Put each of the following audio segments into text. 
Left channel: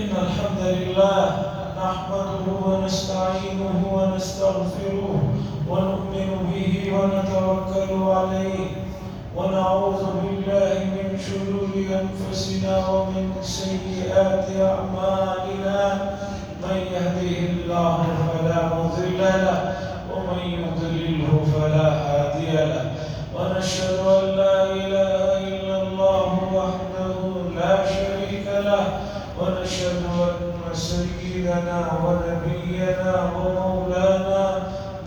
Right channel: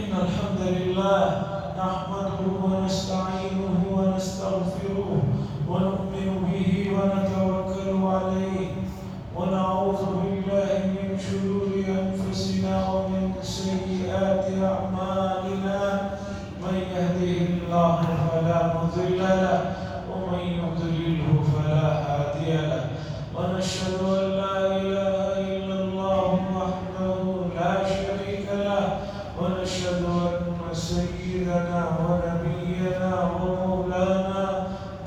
إن الحمد لله نحمده ونستعينه ونستغفره ونؤمن به ونتوكل عليه ونعوذ بالله من شرور أنفسنا ومن سيئات أعمالنا من يهده الله فلا مضل له ومن يضلله فلا هادي له ونشهد أن لا إله إلا الله وحده لا شريك له ونشهد أن سيدنا ونبينا ومولانا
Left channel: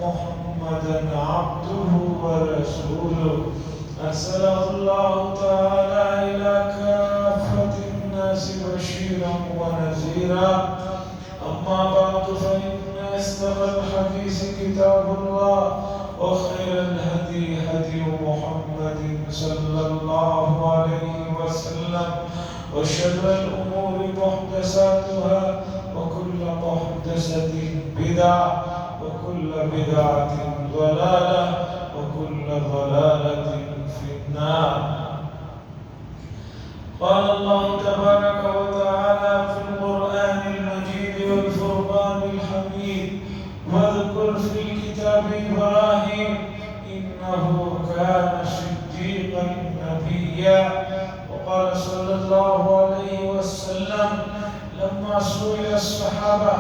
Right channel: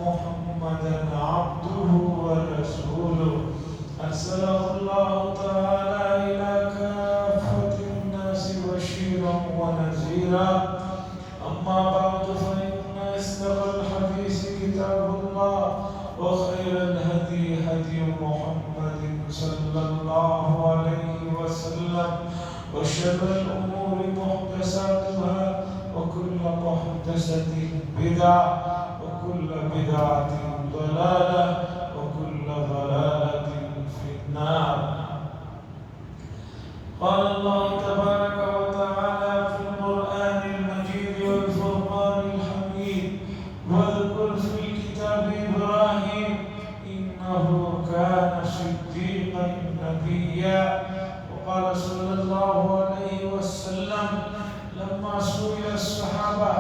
محمدا عبده ورسوله أرسله الله تعالى إلى كافة الناس بشيرا ونذيرا أما بعد فإن أصدق الحديث كتاب الله وخير الهدي هدي محمد صلى الله عليه وسلم وشر الأمور محدثاتها وكل محدثة بدعة وكل بدعة ضلالة وكل ضلالة في النار. قال الله تبارك وتعالى في القرآن المجيد والفرقان الحميد واذكر في الكتاب إبراهيم إنه كان صديقا نبيا. وقال صلى الله عليه وسلم لما سئل الصحابة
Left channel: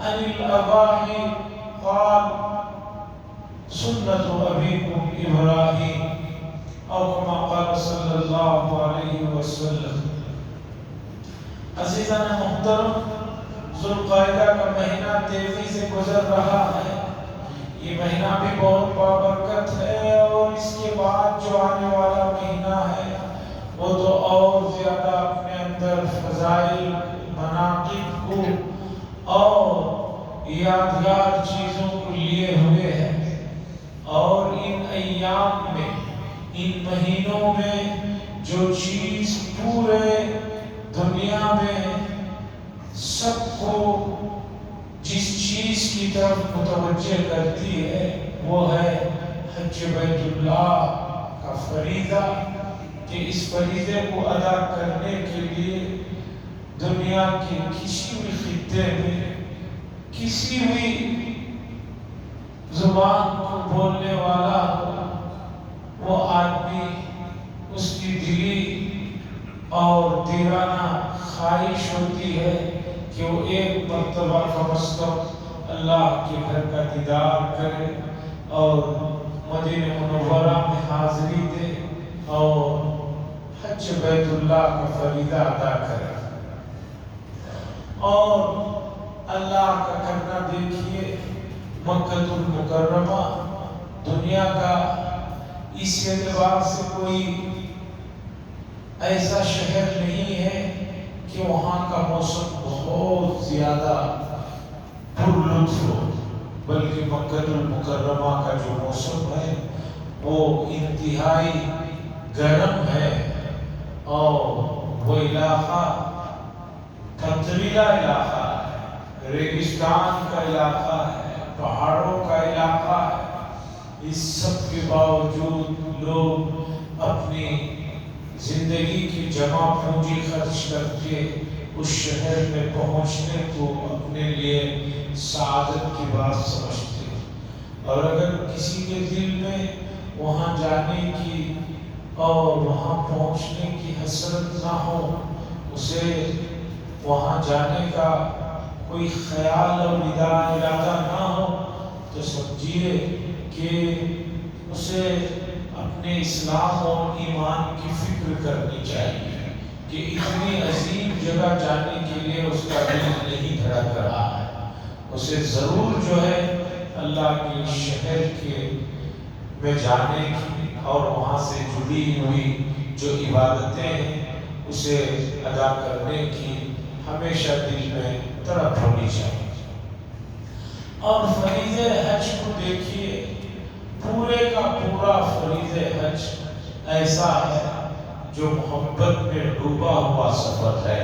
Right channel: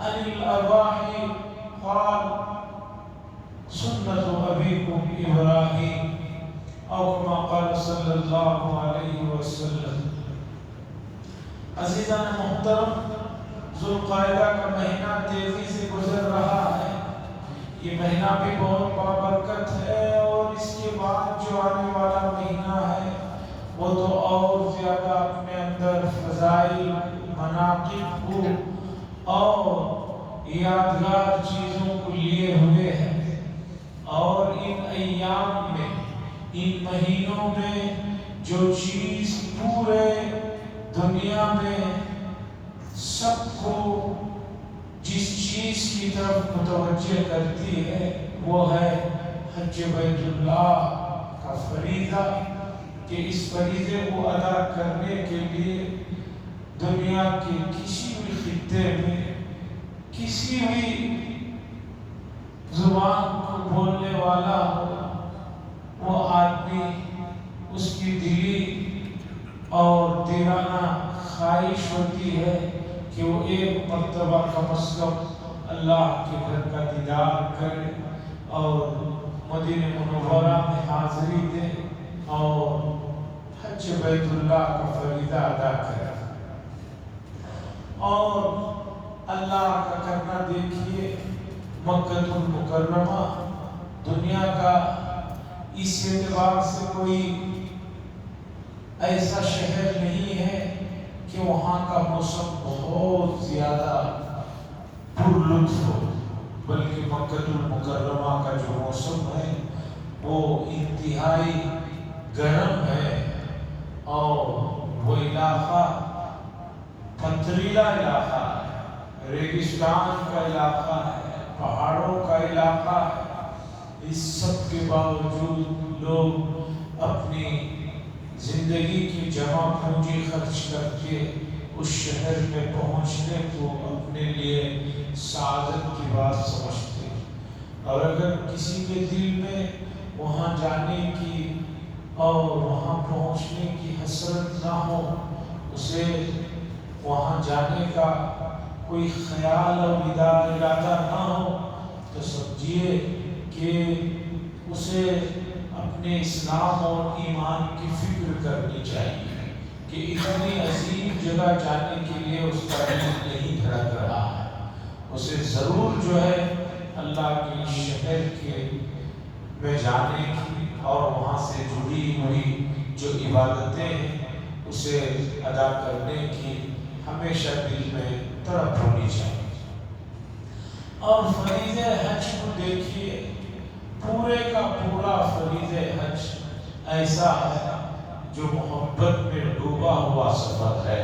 عن الأضاحي قال سنة أبيكم إبراهيم أو كما قال صلی اللہ علیہ وسلم. عزیزان محترم، ذوالقعدہ کا مہینہ تیزی سے گزر رہا ہے. یہ مہینہ بھی بہت بابرکت ہے اور اس کے بعد جو آنے والا مہینہ ہے وہ تو اور زیادہ اپنے اندر فضائل مناقب کو اور یادگار چیزوں کو لیے ہوئے ہے. اور ان ایام میں، ان مہینوں میں جو چیز پورے دنیا میں سب کو جس چیز کی طرف متوجہ کرتی ہے وہ ہے حج بیت اللہ کا فریضہ، کہ اس فریضے کو ادا کرنے کے لیے دنیا کے کسی بھی خطے میں کسی بھی زبان کو بولنے والا ہو وہ آدمی، اس کی دلی اور دیوانہ خواہش ہوتی ہے کہ وہ ایک مرتبہ کم از کم اللہ کے گھر کا دیدار کرے اور مدینہ منورہ میں حاضری دے اور حج بیت اللہ کا فریضہ ادا کرے. اور اللہ کا کرنا دیکھیے، مکہ المکرمہ دنیا کا اس اعتبار سے کوئی ایسا شہر نہیں ہے کہ وہاں کا موسم بہت زیادہ پر لطف ہو، بلکہ مکہ المکرمہ کا جو موسم ہے وہ انتہائی گرم ہے اور وہ علاقہ پتھریلا علاقہ ہے، ریگستان کا علاقہ ہے، پہاڑوں کا علاقہ ہے. اس سب کے باوجود لوگ اپنی زندگی کی جمع پونجی خرچ کر کے اس شہر میں پہنچنے کو اپنے لیے سعادت کی بات سمجھتے ہیں. اور اگر کسی کے دل میں وہاں جانے کی اور وہاں پہنچنے کی حسرت نہ ہو، اسے وہاں جانے کا کوئی خیال اور ارادہ نہ ہو، تو سمجھیے کہ اسے اپنے اسلام اور ایمان کی فکر کرنی چاہیے کہ اتنی عظیم جگہ جانے کے لیے اس کا دل نہیں دھڑک رہا ہے. اسے ضرور جو ہے اللہ کے شہر کے میں جانے کی اور وہاں سے جڑی ہوئی جو عبادتیں ہیں اسے ادا کرنے کی ہمیشہ دل میں تڑپ ہونی چاہیے. اور فریضہ حج کو دیکھیے، پورے کا پورا فریضہ حج ایسا ہے جو محبت میں ڈوبا ہوا سفر ہے.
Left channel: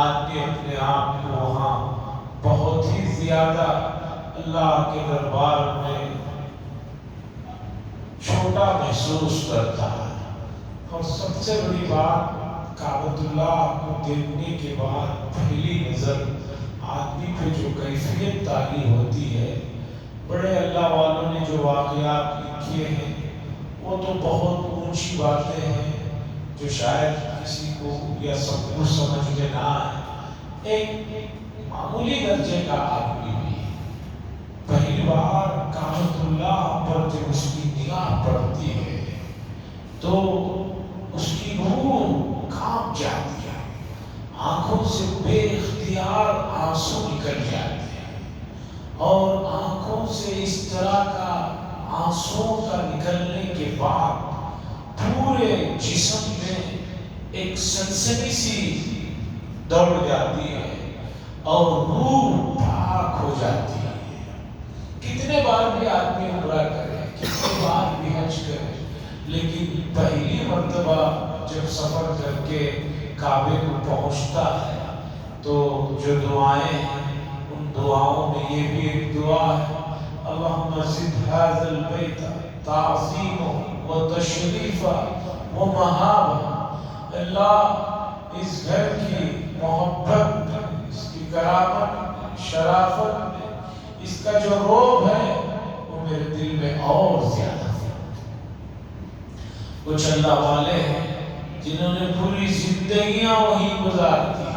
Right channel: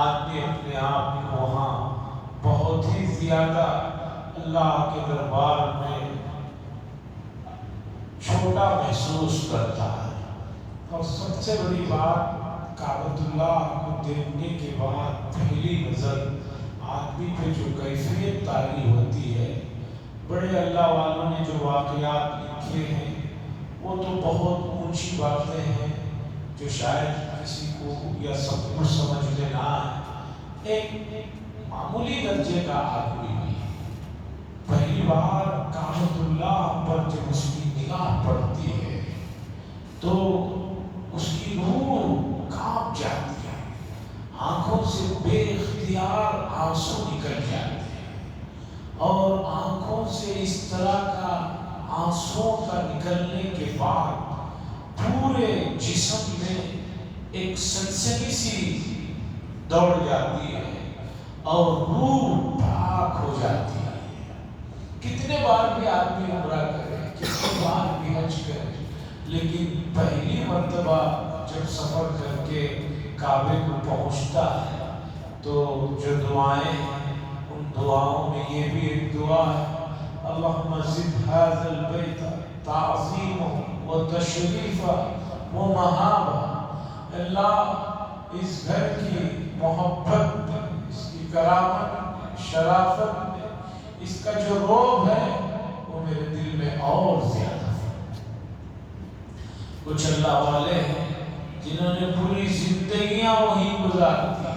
آدمی اپنے آپ کو وہاں بہت ہی زیادہ اللہ کے دربار میں چھوٹا محسوس کرتا ہے. اور سب سے بڑی بات کعبۃ اللہ کو دیکھنے کے بعد پہلی نظر آدمی پہ جو کیفیت طاری ہوتی ہے، بڑے اللہ والوں نے جو واقعات لکھے ہیں وہ تو بہت اونچی باتیں ہیں جو شاید کسی کو یا سب کو سمجھ میں نہ آئے۔ ایک معمولی درجے کا آدمی بھی پہلی بار کعبۃ اللہ پر جب اس کی نگاہ پڑتی ہے تو اس کی روح کانپ جاتی ہے، آنکھوں سے بے اختیار آنسو نکل جاتے ہیں، اور آنکھوں سے اس طرح کا آنسوں کا نکلنے کے بعد پورے جسم میں ایک سنسنی سی دوڑ جاتی ہے اور روح پاک ہو جاتی ہے۔ کتنے بار بھی آدمی عمرہ کرے، کتنے بار بھی حج کرے، لیکن پہلی مرتبہ جب سفر کر کے کعبے کو پہنچتا ہے تو جو دعائیں ہیں ان دعاؤں میں یہ بھی ایک دعا ہے، اللہم زد ھذا البیت تعظیما وتشریفا ومہابا، اللہ اس گھر کی محبت، اس کی کرامت، شرافت، اس کا جو روب ہے وہ میرے دل میں اور زیادہ ہے۔ کچھ اللہ والے ہیں جنہوں نے پوری زندگیاں وہیں گزار دی۔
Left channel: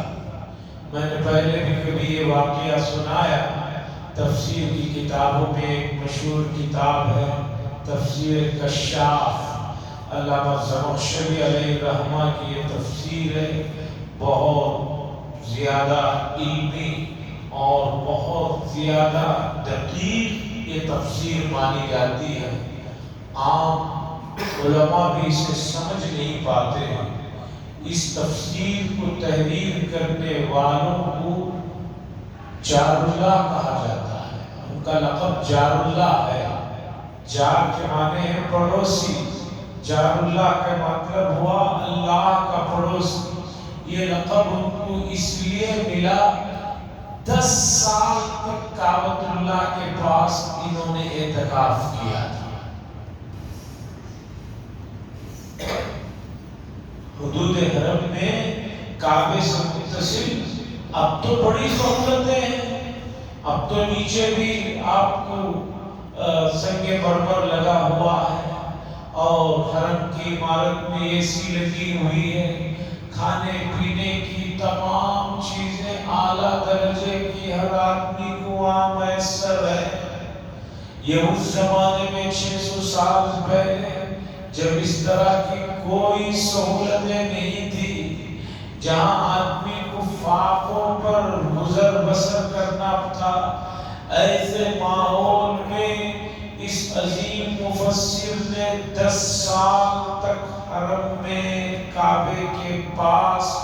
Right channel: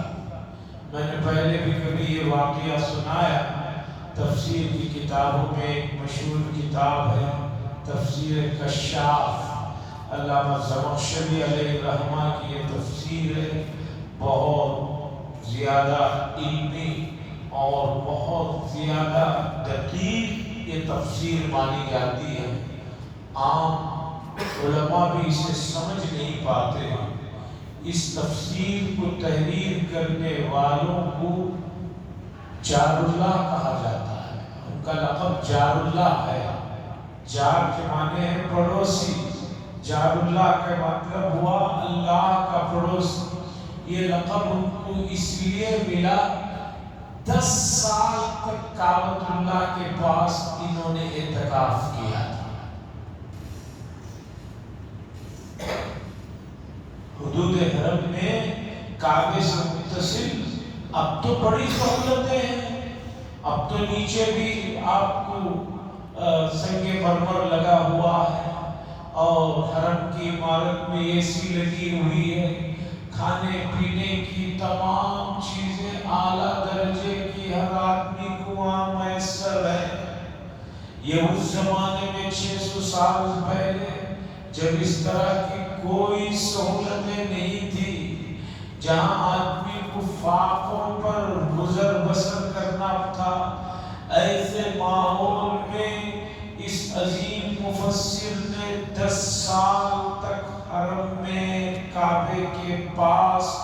میں نے پہلے بھی کبھی یہ واقعہ سنایا، تفسیر کی کتابوں میں ایک مشہور کتاب ہے تفسیر کشاف، علامہ زمخشری علیہ الرحمہ کی یہ تفسیر ہے، بہت زیادہ علمی اور بہت زیادہ دقیق یہ تفسیر مانی جاتی ہے۔ عام علماء بھی اسے سمجھ نہیں پاتے ہیں۔ اس تفسیر کو تحریر کرنے والوں کو جار اللہ کہا جاتا ہے، ان کا لقب جار اللہ ہے۔ جار کے معنی ہے پڑوسی، جار اللہ کا مطلب ہوا اللہ کا پڑوسی۔ یہ لقب ان کو اس لیے ملا 10 سال تک کعبۃ اللہ کے پاس انہوں نے اعتکاف کیا تھا۔ حدود حرم میں کعبے سے متصل اب تو بڑی سہولتیں ہیں، اب تو نیچے بھی آپ کو سنگ مرمر لگا ہوا ہے اور حرم کی عمارت میں اے سی لگی ہوئی ہے، کھانے پینے کی تمام چیزیں اعلیٰ درجے کی ہر آدمی کو وہاں میسر ہے۔ یہ اس زمانے میں 600 سال پہلے جب اس طرح کی کوئی سہولتیں نہیں تھی، جہاں آدمی کو فاقوں پر گزر بسر کرنا تھا، ایسے ماحول میں اس عظیم مفسر نے 10 سال تک حرم میں کعبے کے پاس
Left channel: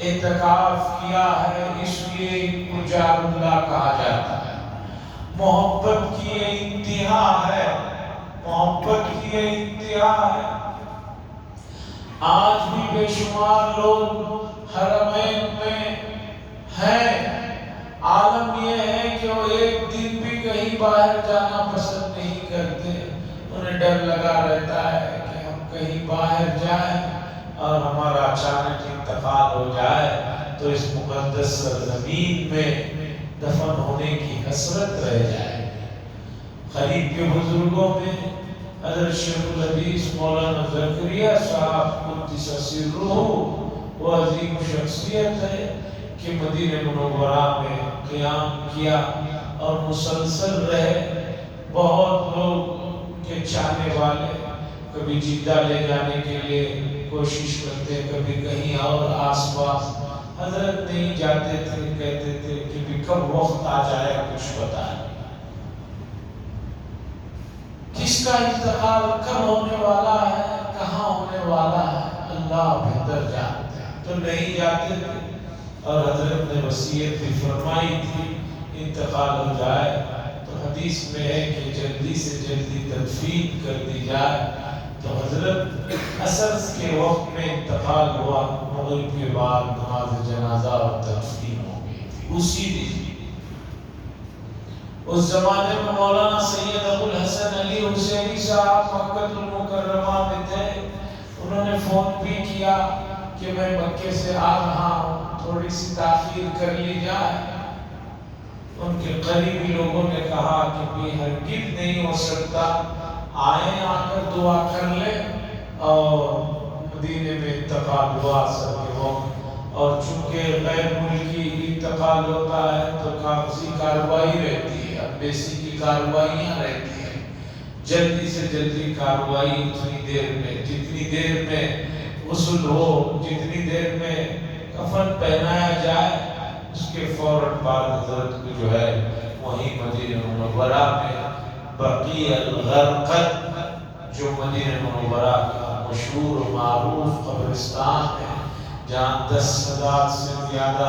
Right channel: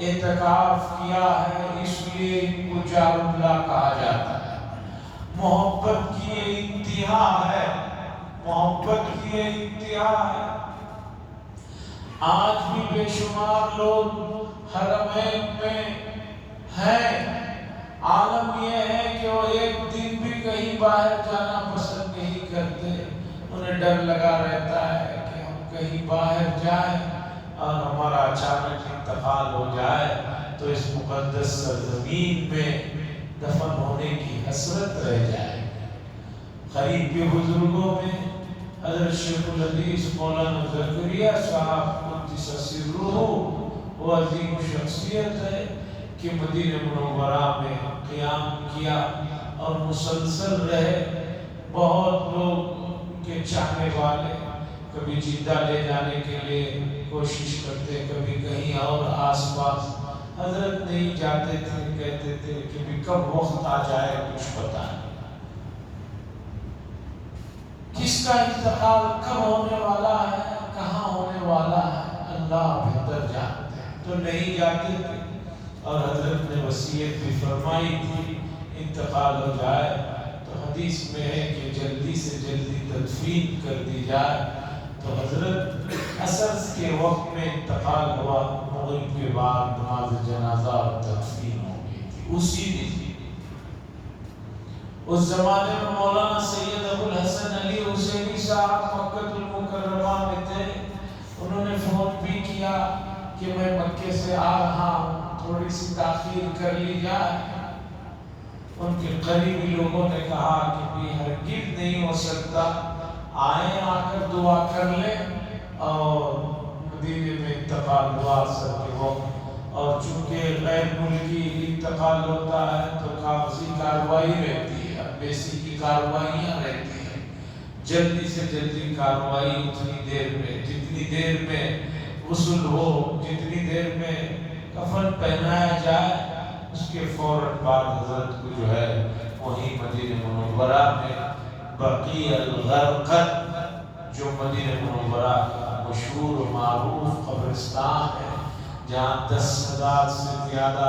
اعتکاف کیا ہے، اس لیے ان کو جار اللہ کہا جاتا ہے۔ محبت کی یہ انتہا ہے، محبت کی یہ انتہا ہے۔ آج بھی بے شمار لوگ حرمین میں ہیں، عالم یہ ہے کہ وہ ایک دن بھی کہیں باہر جانا پسند نہیں کرتے، انہیں ڈر لگا رہتا ہے کہ ہم کہیں باہر جائیں اور ہمارا اچانک انتقال ہو جائے تو اس مقدس سرزمین میں دفن ہونے کی حسرت رہ جائے۔ قریب کے بزرگوں میں حضرت شیخ الحدیث مولانا زکریا صاحب قدس سرہ وہ عظیم شخصیت ہے کہ مدینہ منورہ میں قیام کیا اور مسلسل رہے۔ بہت لوگ ان کے چاہنے والے کبھی جدہ لے جانے کے لیے کوشش کرتے، کبھی کہیں اور آس پاس، حضرت نہیں جاتے تھے، کہتے تھے کہ بھی کب وقت آ جائے کچھ بتائیں، کس کا انتقال کب ہونے والا ہے، کہاں ہونے والا ہے، اللہ بہتر جانتے ہیں، تو نہیں جاتے تھے۔ اور حضرت نے وصیت بھی فرمائی تھی انتقال ہو جائے تو حدیث میں ہے کہ جلدی سے جلدی تدفین کر دی جائے، تو حضرت عصر کے وقت میں انتقال ہوا، مغرب کے بعد نماز جنازہ اور تدفین ہو گئی تھی اسی دن۔ اس زمانے میں مولانا سید ابو الحسن علی حسینی صاحب مکہ المکرمہ میں تھے، انہوں نے فون بھی کیا کہ میں مکے سے آ رہا ہوں، تھوڑی سی تاخیر کر لی جائے۔ ان کے قریبی لوگوں نے کہا کہ بھی ہرگز نہیں ہو سکتا، آئیں آ کر دعا کر لیں اور مدینے میں انتقال ہوا سب کے لوگ۔ اور چونکہ غیر ملکی انتقال ہوتا ہے تو کاغذی کارروائی رہتی ہے، امبیسی کی کارروائیاں رہتی ہیں، جلدی سے جلدی کارروائی اتنی دیر میں، جتنی دیر میں غسل ہو، جتنی دیر میں کفن پہنایا جائے، اس کے فوراً بعد حضرت کو جو ہے وہیں مدینہ منورہ میں بقیع الغرقد، جو مدینہ منورہ کا مشہور و معروف قبرستان ہے، جہاں 10,000 سے زیادہ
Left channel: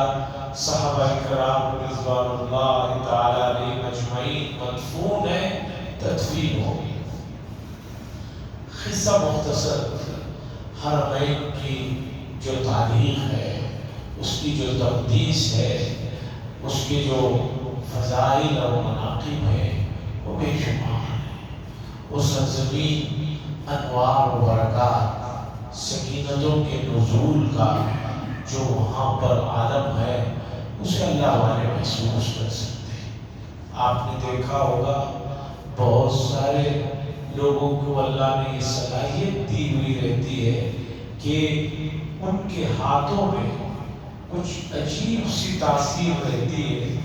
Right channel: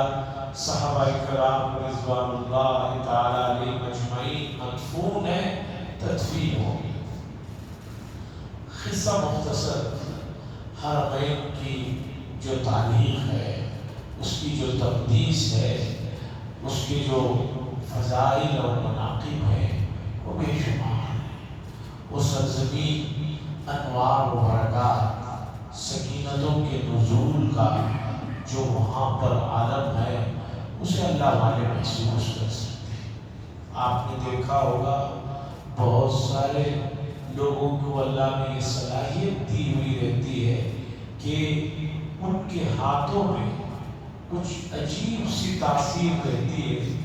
صحابہ کرام رضوان اللہ تعالی علیہم اجمعین مدفون ہیں، تدفین ہوگی۔ قصہ مختصر، حرمین کی جو تاریخ ہے، اس کی جو تقدیس ہے، اس کے جو فضائل اور مناقب ہیں، وہ بے شمار ہیں۔ وہ سرزمین انوار و برکات، سکینتوں کے نزول کا جو وہاں پر عالم ہے، اسے اللہ والے محسوس کر سکتے ہیں۔ آپ نے دیکھا ہوگا بہت سارے لوگوں کو اللہ نے یہ صلاحیت دی ہوئی رہتی ہے کہ ان کے ہاتھوں میں کچھ عجیب سی تاثیر رہتی ہے،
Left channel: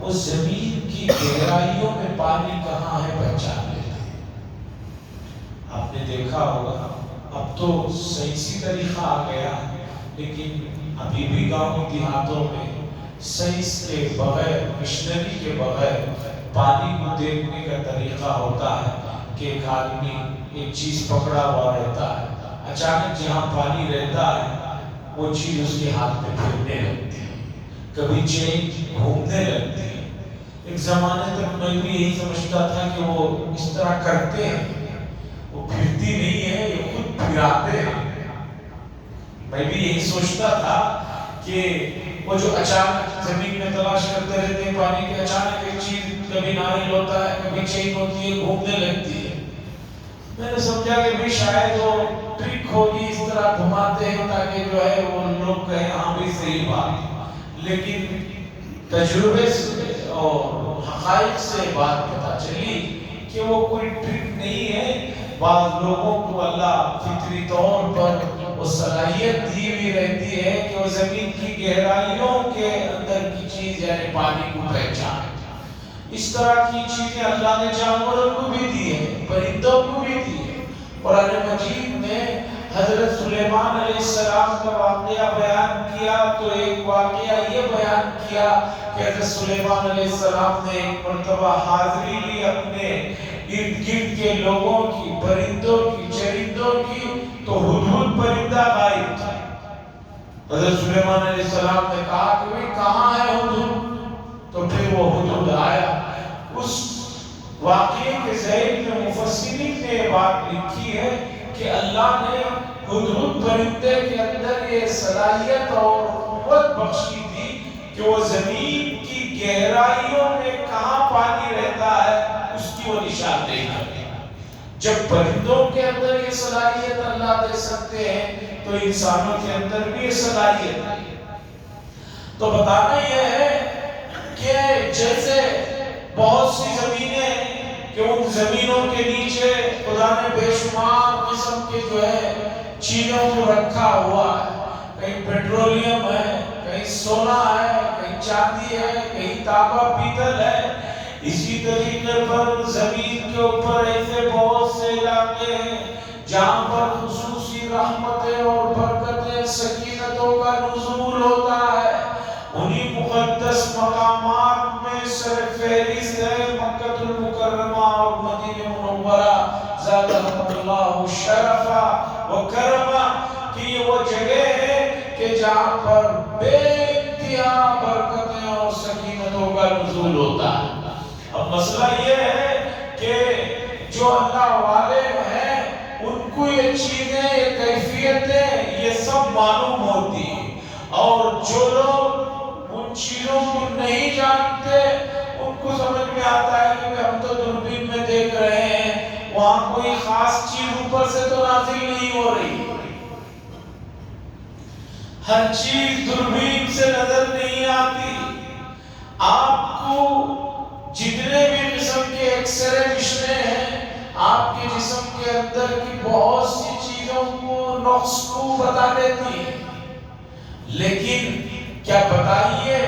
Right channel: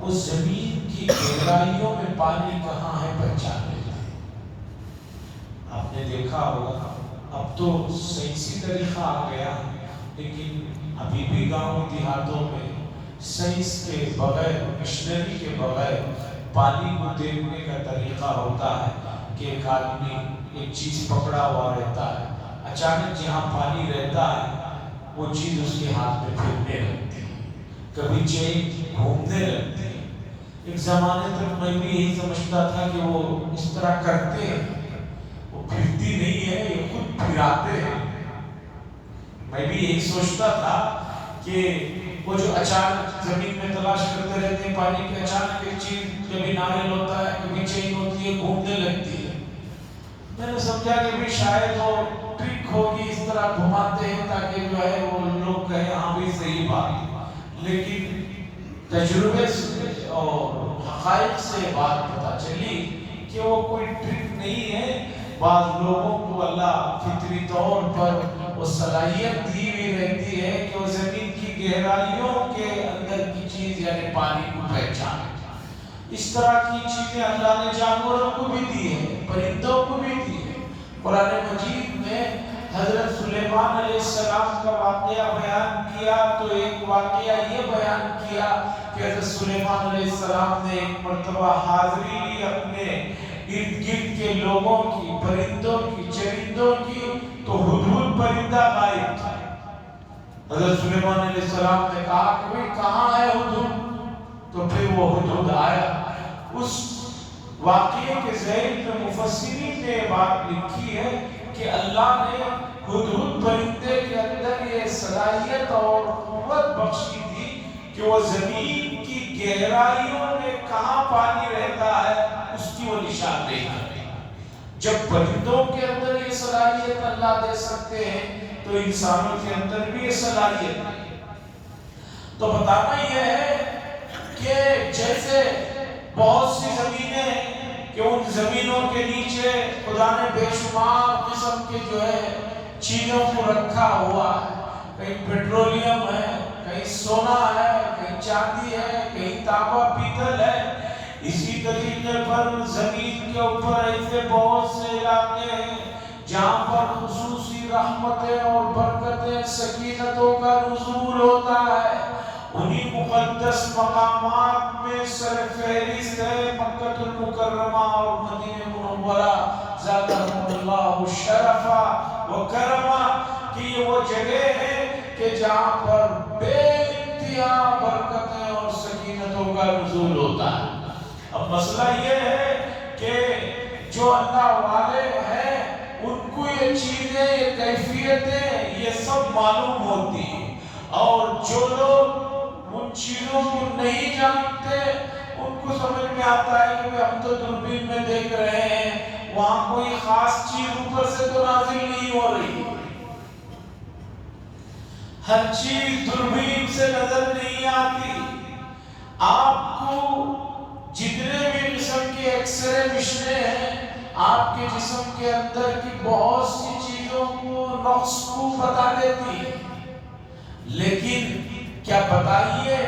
اس زمین کی گہرائیوں میں پانی کہاں ہے پہچان لیتے ہیں۔ آپ نے دیکھا ہوگا اب تو سائنسی طریقہ آ گیا، لیکن ابھی بھی گاؤں دیہاتوں میں سائنس کے بغیر، مشنری کے بغیر پانی کو دیکھنے کا طریقہ ہوتا ہے کہ ایک آدمی ایک چیز پکڑا ہوا رہتا ہے، اچانک جہاں پانی رہتا ہے وہ چیز اس کے ہاتھ میں پھرنے لگتی ہے، کبھی چین گھومنے لگتی ہے۔ ایک زمانے تک میں بھی یہی سمجھتا تھا کہ وہ اس طرح کرتے ہیں، وہ پھرتی نہیں ہے، یہ خود پھراتے ہیں۔ میں بھی یہی سوچتا تھا کہ وہ جو اچانک زمین میں تلاش کرتے رہتے ہیں پانی کے، اچانک ایک چیز کبھی ناریل ہوتا ہے، کبھی چین ہوتی ہے، گھومنے لگتی ہے۔ میں نے سمجھا کہ بھی شاید وہ ٹرک ہوگی، اس طرح گھماتے ہیں تاکہ جو ہے وہ لوگ کہیں ہاں بھی صحیح بات، لیکن تجربے سے اور حقائق سے بات پتہ چلی کہ وہ کوئی ٹرک نہیں ہے۔ بعض لوگوں کو اللہ فطری طور پر وہ صلاحیت دی ہوئی رہتی ہے کہ وہ زمین کی گہرائیوں کے اندر کی چیز یعنی پانی کو پہچانے۔ اس طرح کی چیزیں اللہ نے جانوروں کو بھی دی ہے، پرندوں کو بھی دی ہے۔ قرآن مجید میں حضرت سلیمان علیہ السلام کا واقعہ بیان کیا تو ایک واقعہ یہ بیان کیا کہ حضرت سلیمان علیہ السلام نے ایک مرتبہ حاضری لی اپنے ارد گرد کے لوگوں کی، پرندوں کی، چرندوں کی، تو ہدہد پرندہ غائب تھا۔ حضرت سلیمان علیہ السلام نے کہا کہ بھئی کہاں ہے ہدہد؟ تو پھر وہ ہدہد آیا۔ اس واقعے کے ذیل میں مفسرین نے بات لکھی ہے کہ اللہ نے ہدہد پرندے کے اندر یہ صلاحیت اور قوت بخشی تھی کہ وہ زمین کی گہرائیوں میں کہاں پانی رہتا ہے اس کی وہ نشاندہی کرے۔ جب پرندوں کے اندر یہ صلاحیت اللہ دے سکتے ہیں تو انسانوں کے اندر بھی یہ صلاحیت ہے۔ تو بتانا یہ ہے کہ جیسے بہت سی زمینیں کہ ان زمینوں کے نیچے خدا نے بے شمار قسم کے جو ہے چیزوں کو رکھا ہوا ہے، کہیں پیٹرولیم ہے، کہیں سونا ہے، کہیں چاندی ہے، کہیں تانبا پیتل ہے۔ اسی طریقے پر زمین کے اوپر ایسے بہت سے علاقے ہیں جہاں پر خصوصی رحمتیں اور برکتیں، سکینتوں کا نزول ہوتا ہے۔ انہی مقدس مقامات میں سر فہرست ہے مکہ المکرمہ اور مدینہ منورہ زادہ اللہ شرفا و کرما، کہ یہ وہ جگہ ہے کہ جہاں پر بے انتہا برکتیں اور سکینتوں کا نزول ہوتا ہے۔ اب مسئلہ یہ ہے کہ جو اللہ والے ہیں ان کو یہ چیزیں، یہ کیفیتیں یہ سب معلوم ہوتی ہیں، اور جو لوگ ان چیزوں کو نہیں جانتے ان کو سمجھ میں آتا ہے کہ ہم تو دوربین میں دیکھ رہے ہیں، وہاں کوئی خاص چیز اوپر سے تو نازل نہیں ہو رہی۔ ہر چیز دوربین سے نظر نہیں آتی. آپ کو جتنے بھی جسم کے ایکس رے مشنیں ہیں آپ کے جسم کے اندر کی بہت سی چیزوں کو نقص کو بتا دیتی ہے. لیکن کیا بتائیے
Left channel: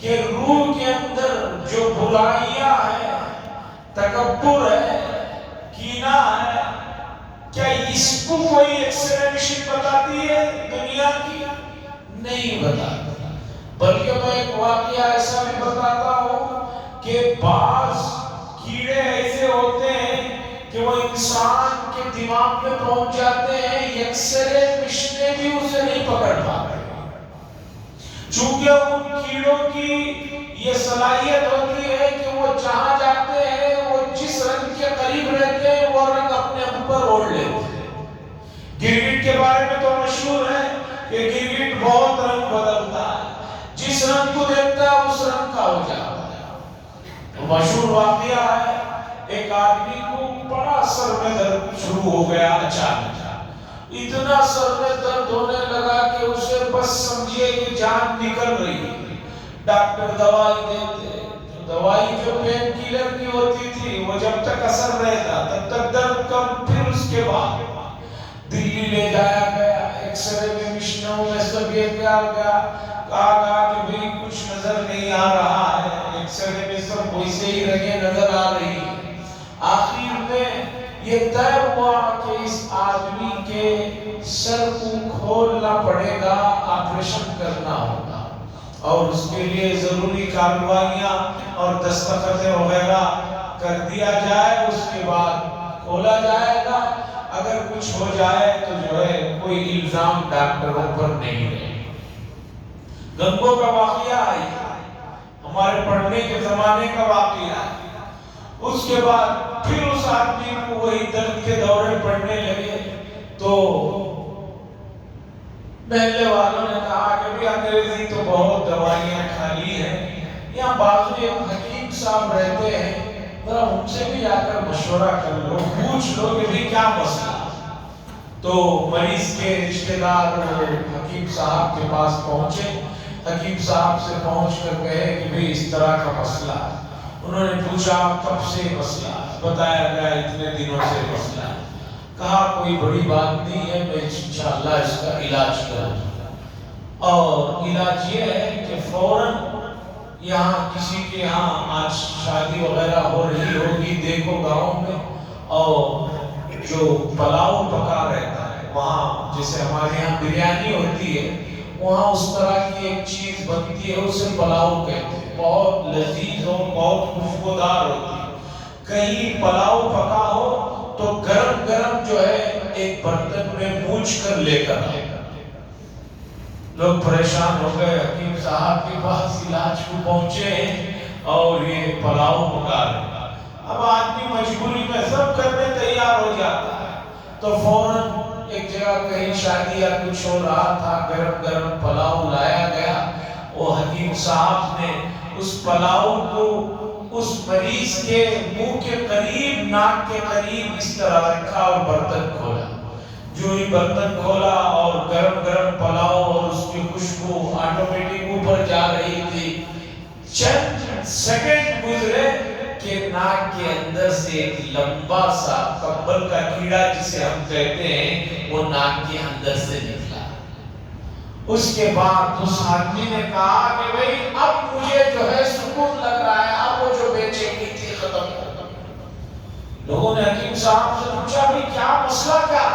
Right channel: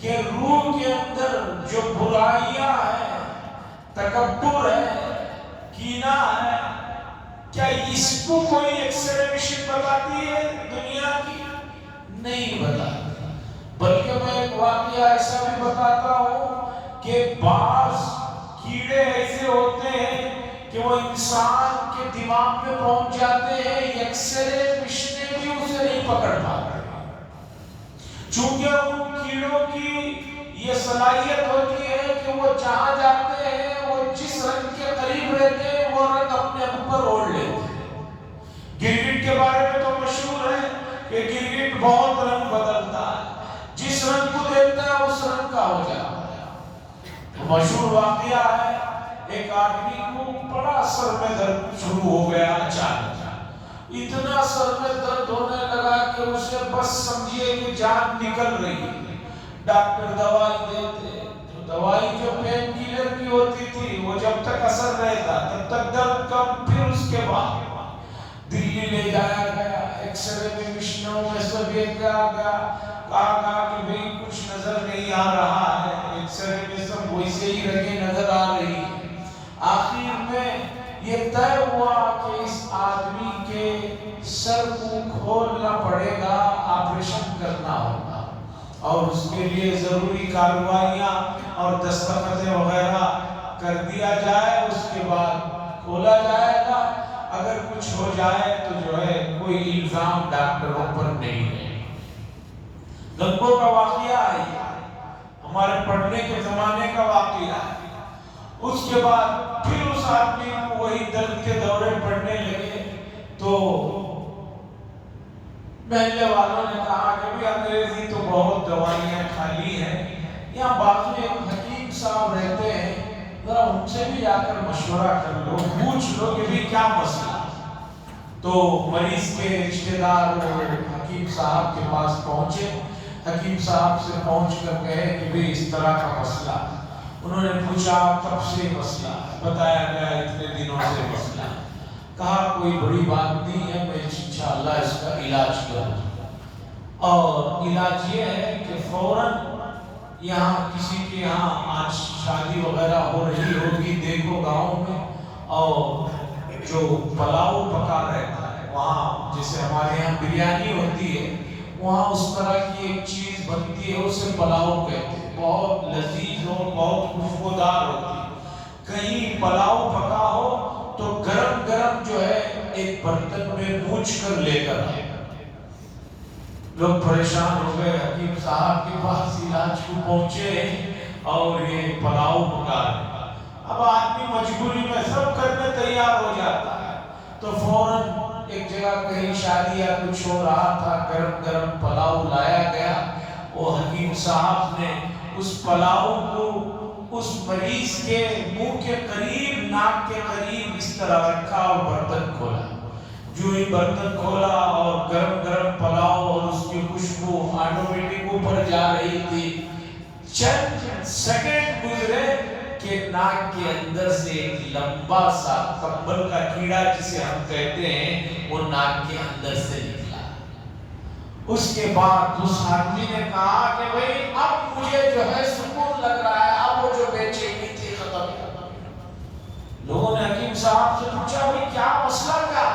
کہ روح کے اندر جو برائیاں ہیں، تکبر ہے، کینہ ہے، کیا اس کو کوئی ایکسلریشن بتاتی ہے دنیا کی؟ نہیں بتاتی. بلکہ میں ایک واقعہ ایسا بھی بتاتا ہوں کہ بعض کیڑے ایسے ہوتے ہیں کہ وہ انسان کے دماغ میں پہنچ جاتے ہیں، ایکسرے مشینیں بھی اسے نہیں پکڑ پاتے. چونکہ ان کیڑوں کی یہ صلاحیت ہوتی ہے کہ وہ جہاں جاتے ہیں وہ جس رنگ کے قریب رہتے ہیں وہ رنگ اپنے اوپر اوڑھ لیتے ہیں. گرگٹ کے بارے میں تو مشہور ہے کہ گرگٹ بہت رنگ بدلتا ہے، جس رنگ کو دیکھتا ہے اس رنگ کا ہو جاتا ہے. مشہور واقعہ ہے، ایک آدمی کو بڑا سر میں درد شروع ہو گیا اچانک. اتنا سر میں درد ہونے لگا کہ اسے بس سمجھیے کہ جان نکل رہی ہے. ڈاکٹر دوائی دیتے، دوائی جو پین کیلر کی ہوتی تھی وہ جب تک اثر رہتا تب تک درد کم. پھر اس کے بعد دلی لے جایا گیا، ایکس رے میں مشینوں میں سب یہ کیا گیا، کہا کہ بھئی کچھ نظر نہیں آ رہا ہے، ایکس رے میں سب ویسے ہی رگیں نظر آ رہی ہے. آخر میں یہ طے ہوا کہ اس آدمی کے سر کو کھولنا پڑے گا، آپریشن کرنا ہوگا اور اس کے لیے ضروری کارروائیاں اور دستخط وغیرہ کر دیا جائے. اس کے بعد کھولا جائے گا. اگر کچھ ہو جائے تو جو ہے کوئی الزام ڈاکٹروں پر نہیں ہے. گنگو کا واقعہ ہے، ہمارے پڑھنے کے زمانے کا واقعہ ہے. اس کے بعد پھر اس آدمی کو وہی درد کے دورے پڑنے لگے تو محلے والوں نے کہا کہ بھی انگریزی تو بہت دوائیاں کھا لی ہیں، یہاں بازو ایک حکیم صاحب رہتے ہیں، ذرا ان سے بھی آ کر مشورہ کر لو، پوچھ لو کہ بھی کیا مسئلہ. تو مریض کے رشتہ دار حکیم صاحب کے پاس پہنچے. حکیم صاحب سے پہنچ کر کہے کہ بھی اس طرح کا مسئلہ ہے. انہوں نے پوچھا کب سے مسئلہ ہے؟ بتایا گیا اتنے دنوں سے مسئلہ ہے. کہا کوئی بڑی بات نہیں ہے، میں انشاءاللہ اس کا علاج کروں. اور علاج یہ ہے کہ فوراً یہاں کسی کے یہاں آج شادی وغیرہ ہو رہی ہوگی، دیکھو گاؤں میں، اور جو پلاؤ پکا رہتا ہے وہاں، جیسے ہمارے یہاں بریانی ہوتی ہے وہاں اس طرح کی ایک چیز بنتی ہے، اسے پلاؤ کہتے ہیں. بہت لذیذ اور بہت خوشبودار ہوتی ہے. کہیں پلاؤ پکا ہو تو گرم گرم جو ہے ایک برتن میں بوجھ کر لے کر آئے. لوگ پریشان ہو گئے، حکیم صاحب کے پاس علاج کو پہنچے اور یہ پلاؤ پکا رہے. اب آدمی مجبوری میں سب کرنے تیار ہو جاتا ہے تو فوراً ایک جگہ کہیں شادی یا کچھ ہو رہا تھا، گرم گرم پلاؤ لایا گیا. وہ حکیم صاحب نے اس پلاؤ کو اس مریض کے منہ کے قریب، ناک کے قریب اس طرح رکھا اور برتن کھولا. جو ہی برتن کھولا اور گرم گرم پلاؤ اور اس کی خوشبو آٹومیٹک اوپر جا رہی تھی. چند سیکنڈ گزرے کہ ناک کے اندر سے ایک لمبا سا کمبل کا کیڑا جسے ہم کہتے ہیں وہ ناک کے اندر سے نکلا. اس کے بعد اس آدمی نے کہا کہ بھئی اب مجھے جو ہے سکون لگ رہا ہے، اب وہ جو بے چینی تھی ختم ہو گئی. لوگوں نے حکیم صاحب سے پوچھا بھئی کیا مسئلہ کیا؟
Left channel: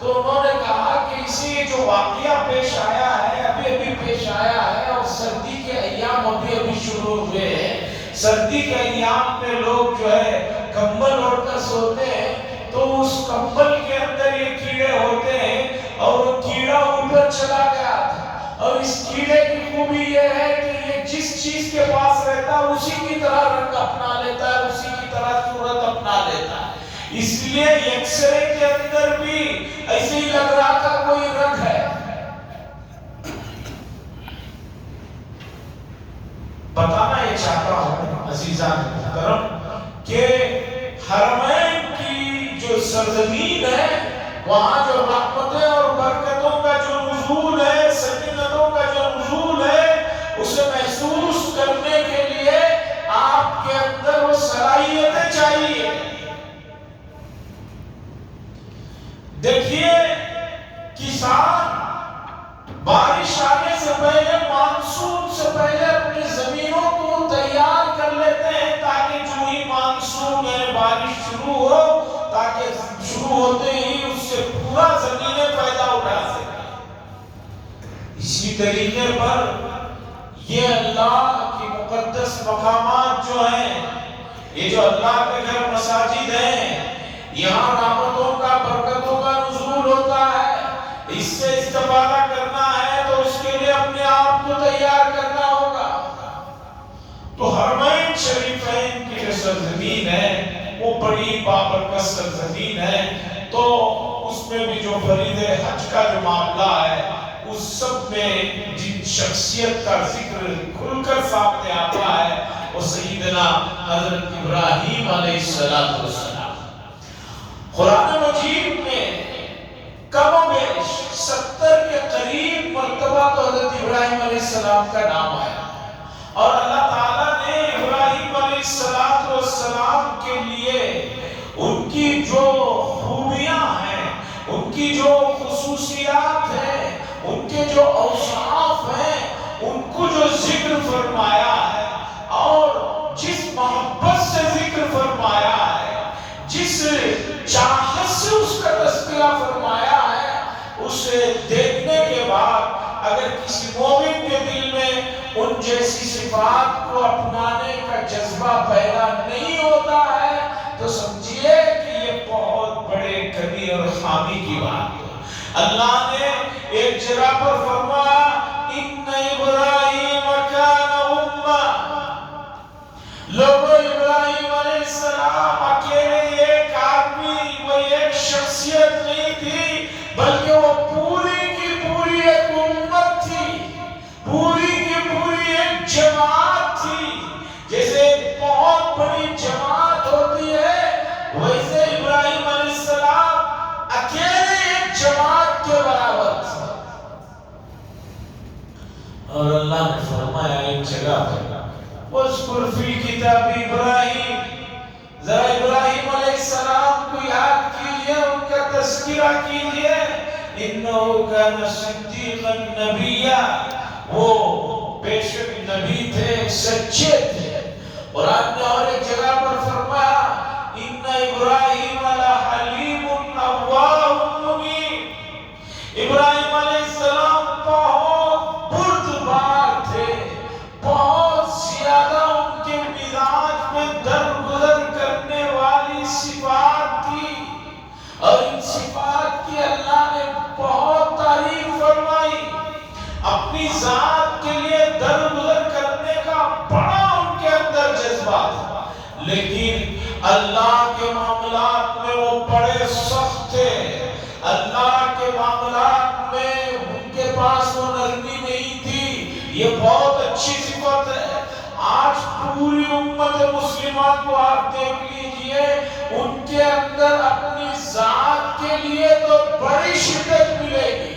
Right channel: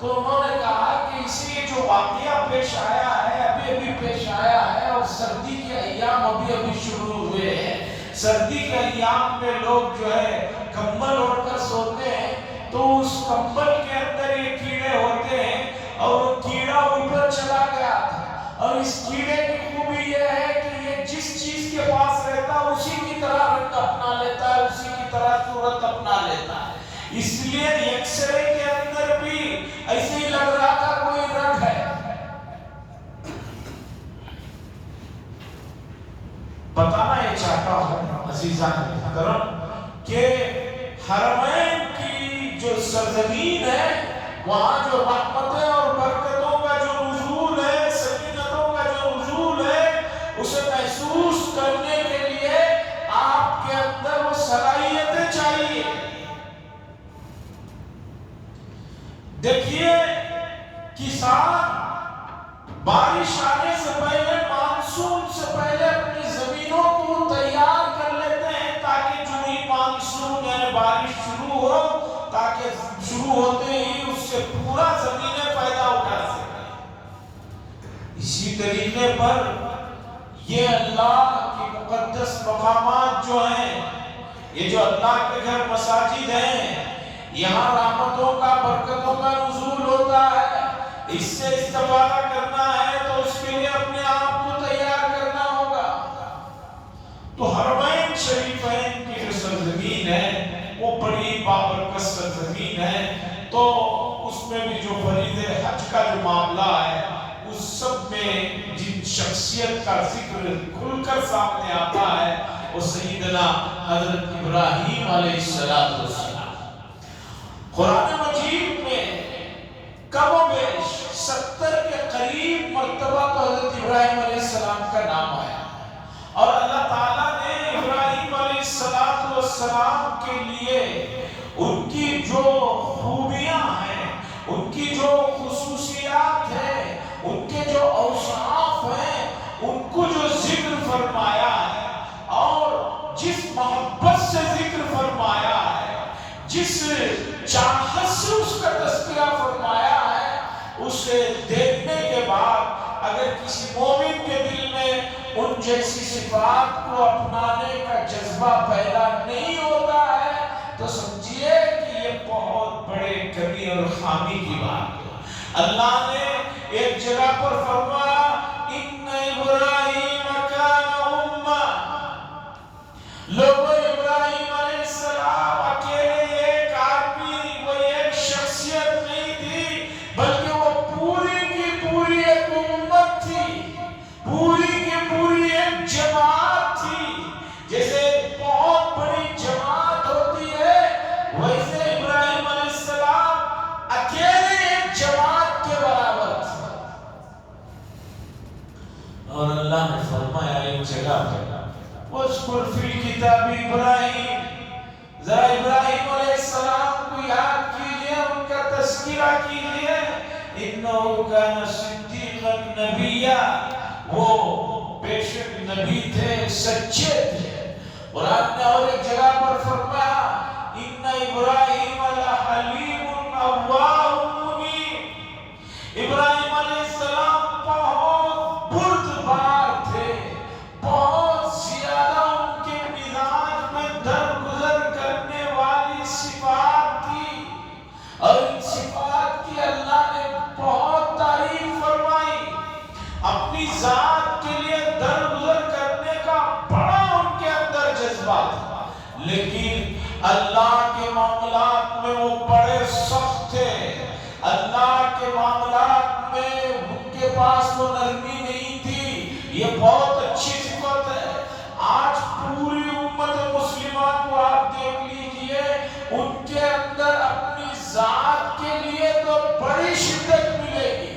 تو انہوں نے کہا کہ اسی جو واقعہ پیش آیا ہے، ابھی پیش آیا ہے، اور سردی کے ایام ابھی شروع ہوئے ہیں. سردی کے ایام میں لوگ جو ہے کمبل اوڑھ کر سوتے ہیں تو اس کمبل کے اندر یہ کیڑے ہوتے ہیں اور وہ کیڑا اوپر چلا گیا تھا. اور اس کیڑے کی خوبی یہ ہے کہ یہ جس چیز کے پاس رہتا ہے اسی کی طرح رنگ اپنا لیتا ہے، اسی کی طرح صورت اپنا لیتا ہے. اس لیے ایکس رے کے اندر بھی ایسی لگ رہا تھا کوئی رنگ ہے. بتانا یہ چاہتا ہوں عزیزان محترم کہ حرمین کی جو سرزمین ہے وہاں جو رحمتیں اور برکتوں کا جو نزول ہے، دیکھیے کسان بارش آنے سے پہلے، مانسون سے پہلے اپنی زمینوں کو تیار کر لیتے ہیں تاکہ جو ہی مانسون میں بارش شروع ہو، تاکہ شروع ہوتے ہی اس سے پورا زمینیں پیدا اٹھا سکیں۔ اسی طریقے پر یہ اللہ کی مقدس مقامات جو ہیں، یہ جو اللہ کے گھر مساجد ہیں، یہاں رحمتوں کا، برکتوں کا نزول ہوتا ہے۔ اس سے استفادہ کرنا ہے تو اس کے لیے اپنے آپ کو تیار کرنا ہوگا۔ تو حرمین شریفین کی جو سرزمین ہے وہ بڑی بابرکت سرزمین ہے، تو اس میں بھی جو فرید حج کا جو معاملہ ہے، اس سب میں جن شخصیت کا ذکر کھل کر سامنے آتا ہے وہ سیدنا حضرت ابراہیم علیہ السلام۔ قرآن مجید میں کم و بیش 70 کے قریب مرتبہ تو حضرت ابراہیم علیہ السلام کا نام آیا، اور اللہ تعالیٰ نے ابراہیم علیہ السلام کے لیے ان کی جو خوبیاں ہیں، ان کی جو خصوصیات ہیں، ان کے جو اوصاف ہیں، ان کو جو ذکر فرمایا ہے، اور جس محبت سے ذکر فرمایا ہے، جس چاہت سے اس کا تذکرہ فرمایا ہے، اسے دیکھنے کے بعد اگر کسی مومن کے دل میں ان جیسی صفات کو اپنانے کا جذبہ پیدا نہیں ہوتا ہے تو سمجھیے کہ یہ بہت بڑے کمی اور خامی کی بات ہے۔ اللہ نے ایک جگہ پر فرمایا ان ابراہیم کان امہ، لوگوں ابراہیم علیہ السلام اکیلے ایک آدمی، وہ ایک شخصیت نہیں تھی، بلکہ وہ پوری کی پوری ایک امت تھی، پوری کی پوری ایک جماعت تھی۔ جیسے ایک بہت بڑی جماعت ہوتی ہے، ویسے ابراہیم علیہ السلام اکیلے ایک جماعت کے برابر تھے۔ اور اللہ نے فرمایا ایک جگہ پر اذکر فی کتاب ابراہیم، ذرا ابراہیم علیہ السلام کو یاد کیجئے، ان کا تذکرہ کیجئے، انہ کان صدیقا نبیا، وہ بے شک نبی تھے، سچے تھے۔ اور آپ نے اور ایک جگہ پر فرمایا ان ابراہیم لحلیم اواه منیب، ابراہیم علیہ السلام بہت بردبار تھے، بہت زیادہ ان کے مزاج میں درگزر کرنے والی صفات تھی، اور ان صفات کی اللہ نے بہت تعریف فرمائی۔ اپنی ذات کے لیے درگزر کرنے کا بڑا ان کے اندر جذبہ تھا، لیکن اللہ کے معاملات میں وہ بڑے سخت تھے، اللہ کے معاملات میں ان کے پاس وہ نرمی نہیں تھی۔ یہ بہت اچھی صفت ہے۔ آج پوری امت مسلمہ کو آپ دیکھ لیجئے، ان کے اندر اپنی ذات کے لیے تو بڑی شدت ملے گی،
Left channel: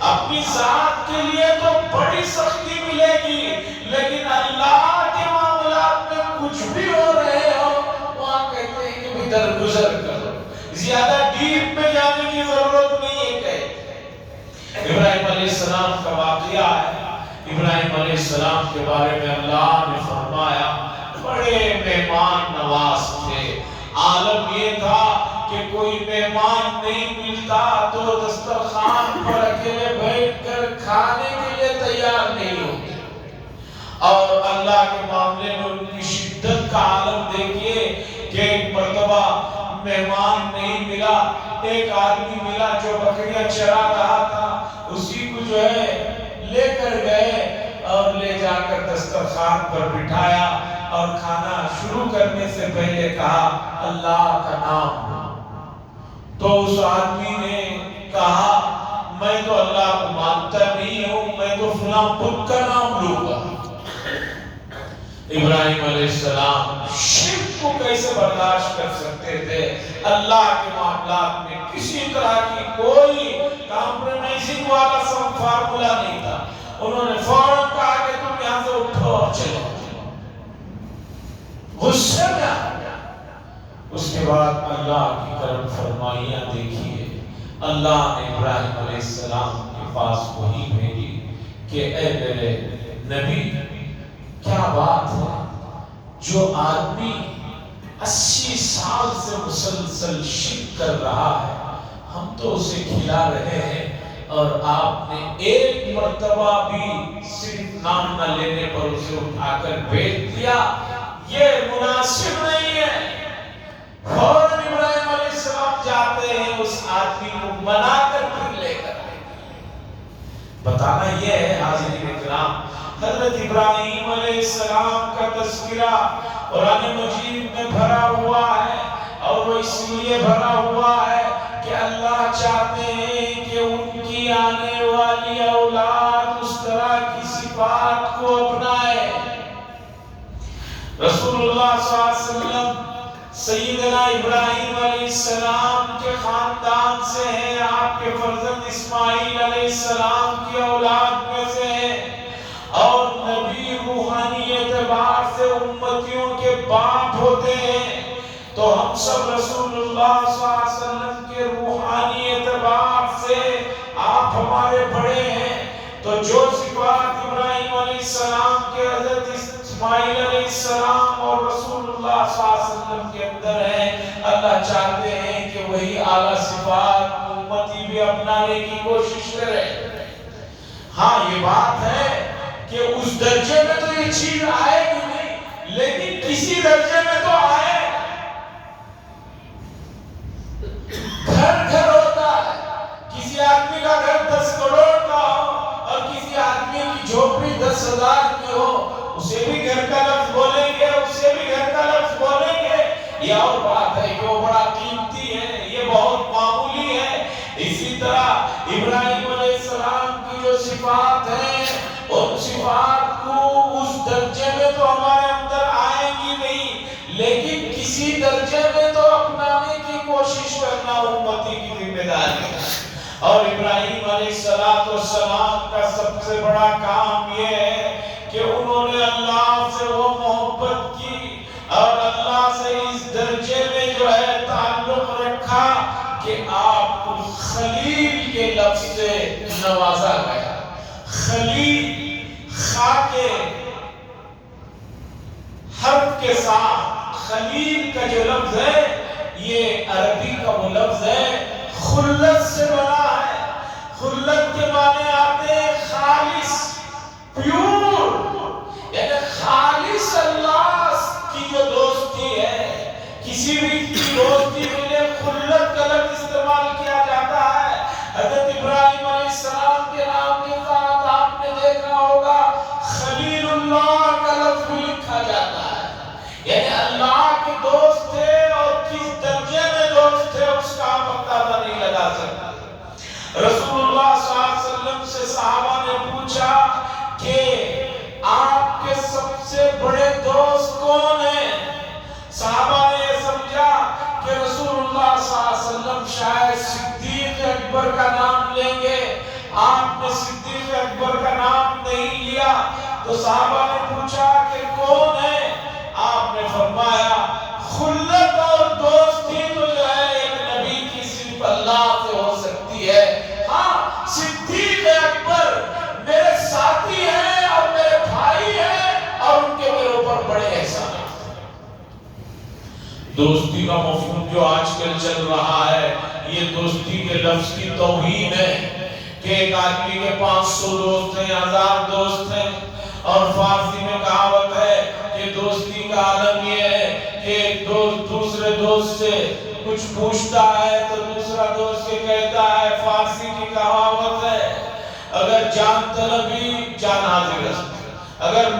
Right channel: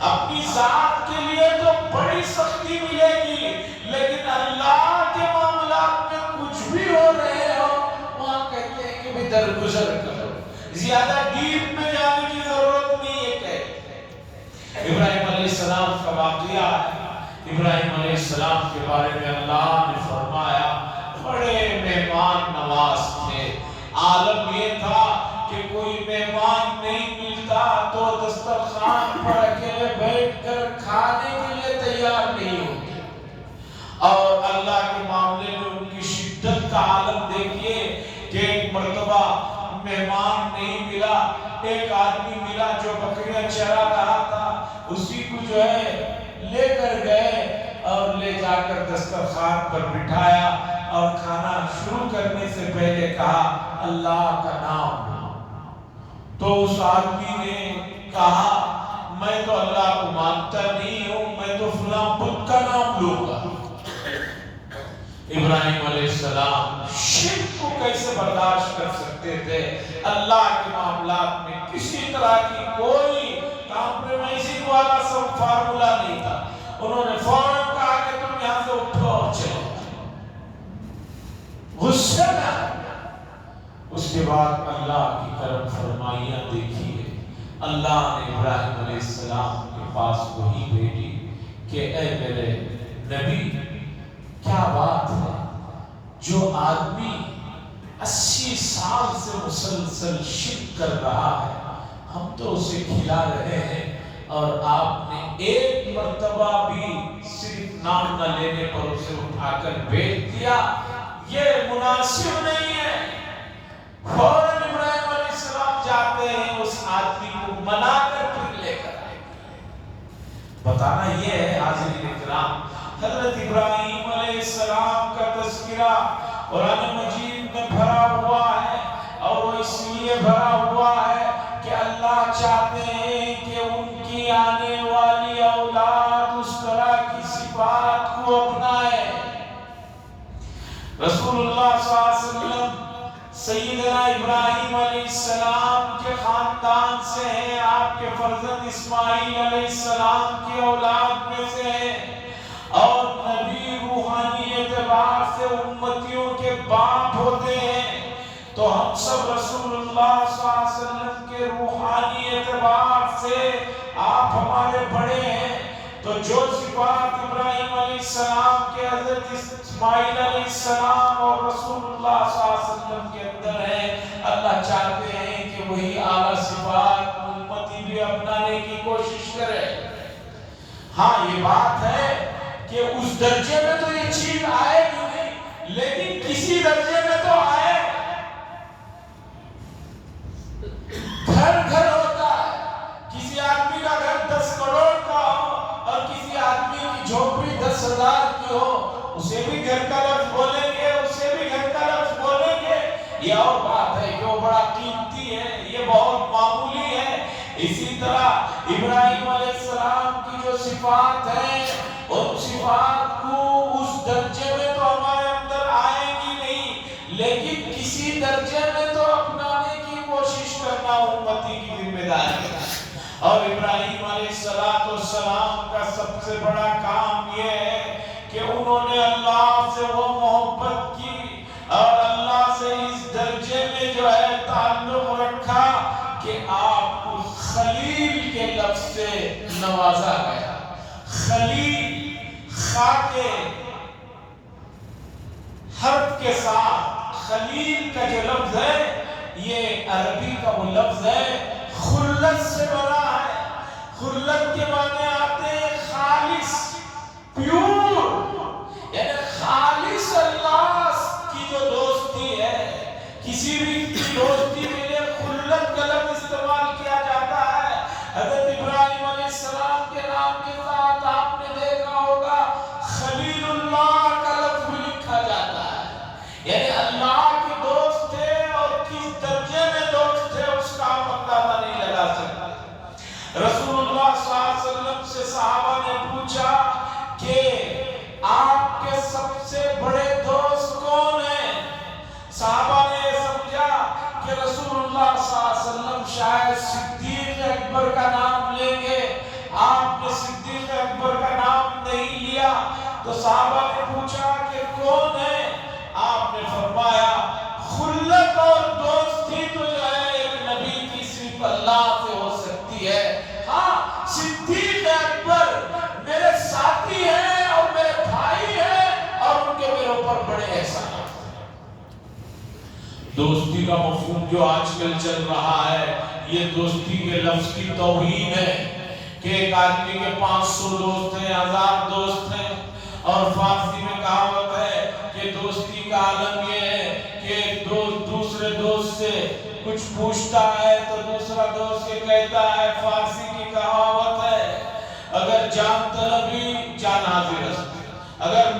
اپنی ذات کے لیے تو بڑی سختی ملے گی، لیکن اللہ کے معاملات میں کچھ بھی ہو رہے ہو وہاں کہتے ہیں کہ درگزر کرو، زیادہ ڈیپ میں جانے کی ضرورت نہیں ہے۔ کہ ابراہیم علیہ السلام کا واقعہ ہے، ابراہیم علیہ السلام کے بارے میں اللہ نے فرمایا بڑے مہمان نواز تھے۔ عالم یہ تھا کہ کوئی مہمان نہیں ملتا تو دسترخوان پر اکیلے بیٹھ کر کھانے کے لیے تیار نہیں ہوتے، اور اللہ کے معاملے میں ان کی شدت کا عالم دیکھیے کہ ایک مرتبہ مہمان نہیں ملا، ایک آدمی ملا جو بکریاں چرا رہا تھا، اسی کو جو ہے لے کر گئے اور لے جا کر دسترخوان پر بٹھایا، اور کھانا شروع کرنے سے پہلے کہا اللہ کا نام۔ تو اس آدمی نے کہا میں تو اللہ کو مانتا نہیں ہوں، میں تو فلاں بت کا نام لوں گا۔ ابراہیم علیہ السلام شرک کو کیسے برداشت کر سکتے تھے؟ اللہ کے معاملات میں کسی طرح کی کوئی کمپرومائزنگ والا سب فارمولا نہیں تھا۔ انہوں نے فوراً کہا کہ تم یہاں سے اٹھو اور چلو، غصے میں آ گیا۔ اس کے بعد اللہ کی کرم فرمائیاں دیکھیے، اللہ نے ابراہیم علیہ السلام کے پاس وحی بھیجی کہ اے میرے نبی، کیا بات ہے جو آدمی 80 سال سے مسلسل شرک کر رہا ہے، ہم تو اسے کھلا رہے ہیں اور آپ نے ایک مرتبہ بھی صرف نام نہ لینے پر اسے اٹھا کر بھیج دیا، یہ مناسب نہیں ہے۔ فوراً ابراہیم علیہ السلام جاتے ہیں، اس آدمی کو منا کر پھر لے کر آئے۔ بتانا یہ ہے حاضرین کرام، حضرت ابراہیم علیہ السلام کا تذکرہ قرآن مجید میں بھرا ہوا ہے، اور وہ اس لیے بھرا ہوا ہے کہ اللہ چاہتے ہیں کہ ان کی آنے والی اولاد اس طرح کی صفات کو اپنائے۔ رسول اللہ صلی اللہ علیہ وسلم سیدنا ابراہیم علیہ السلام کے خاندان سے ہیں، آپ کے فرزند اسماعیل علیہ السلام کی اولاد میں سے ہیں، اور نبی روحانی اعتبار سے امتیوں کے باپ ہوتے ہیں، تو ہم سب رسول اللہ صلی اللہ علیہ وسلم کے روحانی اعتبار سے آپ ہمارے بڑے ہیں۔ تو جو صفات ابراہیم علیہ السلام کے، حضرت اسماعیل علیہ السلام اور رسول اللہ صلی اللہ علیہ وسلم کے اندر ہیں، اللہ چاہتے ہیں کہ وہی اعلیٰ صفات امتی بھی اپنانے کی کوشش کرے۔ ہاں یہ بات ہے کہ اس درجے میں تو یہ چیز آئے گی نہیں، لیکن کسی درجے میں تو آئے۔ گھر گھر ہوتا ہے، کسی آدمی کا گھر 10 کروڑ کا ہو اور کسی آدمی کی جھوپڑی 10,000 کی ہو، اسے بھی گھر کا لفظ بولیں گے، اسے بھی گھر کا لفظ بولیں گے۔ یہ اور بات ہے کہ وہ بڑا قیمتی ہے، یہ بہت معمولی ہے۔ اسی طرح ابراہیم علیہ السلام کی جو صفات ہیں، ان صفات کو اس درجے میں تو ہمارے اندر آئیں گی نہیں، لیکن کسی درجے میں تو اپنانے کی کوشش کرنا امتی کی ذمہ داری ہے۔ اور ابراہیم علیہ السلام کا سب سے بڑا کام یہ ہے کہ انہوں نے اللہ سے وہ محبت کی اور اللہ سے اس درجے میں جو ہے تعلق رکھا کہ آپ کو خلیل کے لفظ سے نوازا گیا۔ خلیل خا کے حرف کے ساتھ خلیل کا جو لفظ ہے، یہ عربی کا وہ لفظ ہے، خلت سے بنا ہے۔ خلت کے معنی آتے ہیں خالص، پیور، یعنی خالص اللہ کی جو دوستی ہے۔ کسی بھی کی دوستی کے لیے خلت کا لفظ استعمال کیا جاتا ہے۔ حضرت ابراہیم علیہ السلام کے نام کے ساتھ آپ نے دیکھا ہوگا خلیل اللہ کا لفظ بھی لکھا جاتا ہے، یعنی اللہ کے دوست تھے، اور کس درجے میں دوست تھے اس کا آپ اندازہ نہیں لگا سکتے۔ رسول اللہ صلی اللہ علیہ وسلم سے صحابہ نے پوچھا کہ آپ کے سب سے بڑے دوست کون ہیں؟ صحابہ نے سمجھا کہ رسول اللہ صلی اللہ علیہ وسلم شاید صدیق اکبر کا نام لیں گے، آپ نے صدیق اکبر کا نام نہیں لیا، تو صحابہ نے پوچھا کہ کون ہے؟ آپ نے فرمایا خلت اور دوستی تو جو ہے ایک نبی کی صرف اللہ سے ہو سکتی ہے۔ ہاں صدیق اکبر میرے ساتھی ہیں اور میرے بھائی ہیں، اور ان کے میرے اوپر بڑے احسان ہیں۔ دوستی کا مفہوم جو آج کل چل رہا ہے، یہ دوستی کے لفظ کی توہین ہے کہ ایک آدمی کے 500 دوست ہیں، 1000 دوست ہیں، اور فارسی میں کہاوت ہے کہ دوستی کا عالم یہ ہے کہ ایک دوست دوسرے دوست سے کچھ پوچھتا ہے تو دوسرا دوست یہ کہتا ہے، فارسی کی کہاوت ہے اگر جان طلبی جان حاضر است، اگر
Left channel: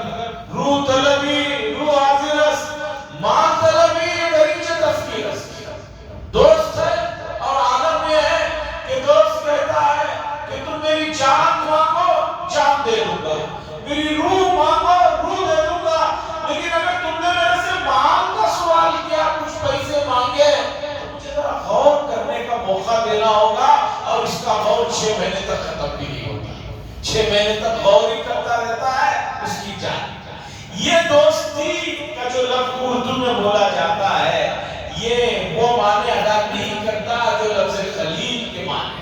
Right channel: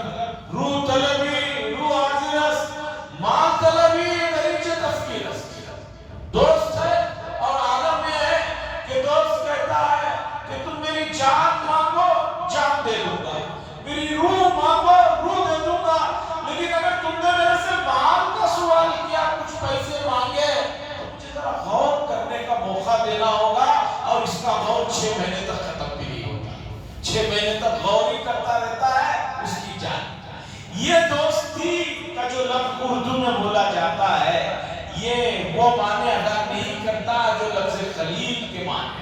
روح طلبی روح حاضر است، مال طلبی دریچہ تفکیر است۔ دوست ہے اور عالم یہ ہے کہ دوست کہتا ہے کہ تم میری جان مانگو جان دے دوں گا، میری روح مانگو روح دے دوں گا، لیکن اگر تم نے میرے سے مال کا سوال کیا، کچھ پیسے مانگے، تو مجھے ذرا غور کرنے کا موقع دینا ہوگا، اور اس کا غور 6 مہینے تک ختم بھی نہیں ہوتا، 6 مہینے تک غور ہی کرتا رہتا ہے اس کی جان۔ یہ دوستی کا جو لفظ اردو میں بولا جاتا ہے، یہ وہ معنی ادا نہیں کرتا جو لفظ خلیل کے معنی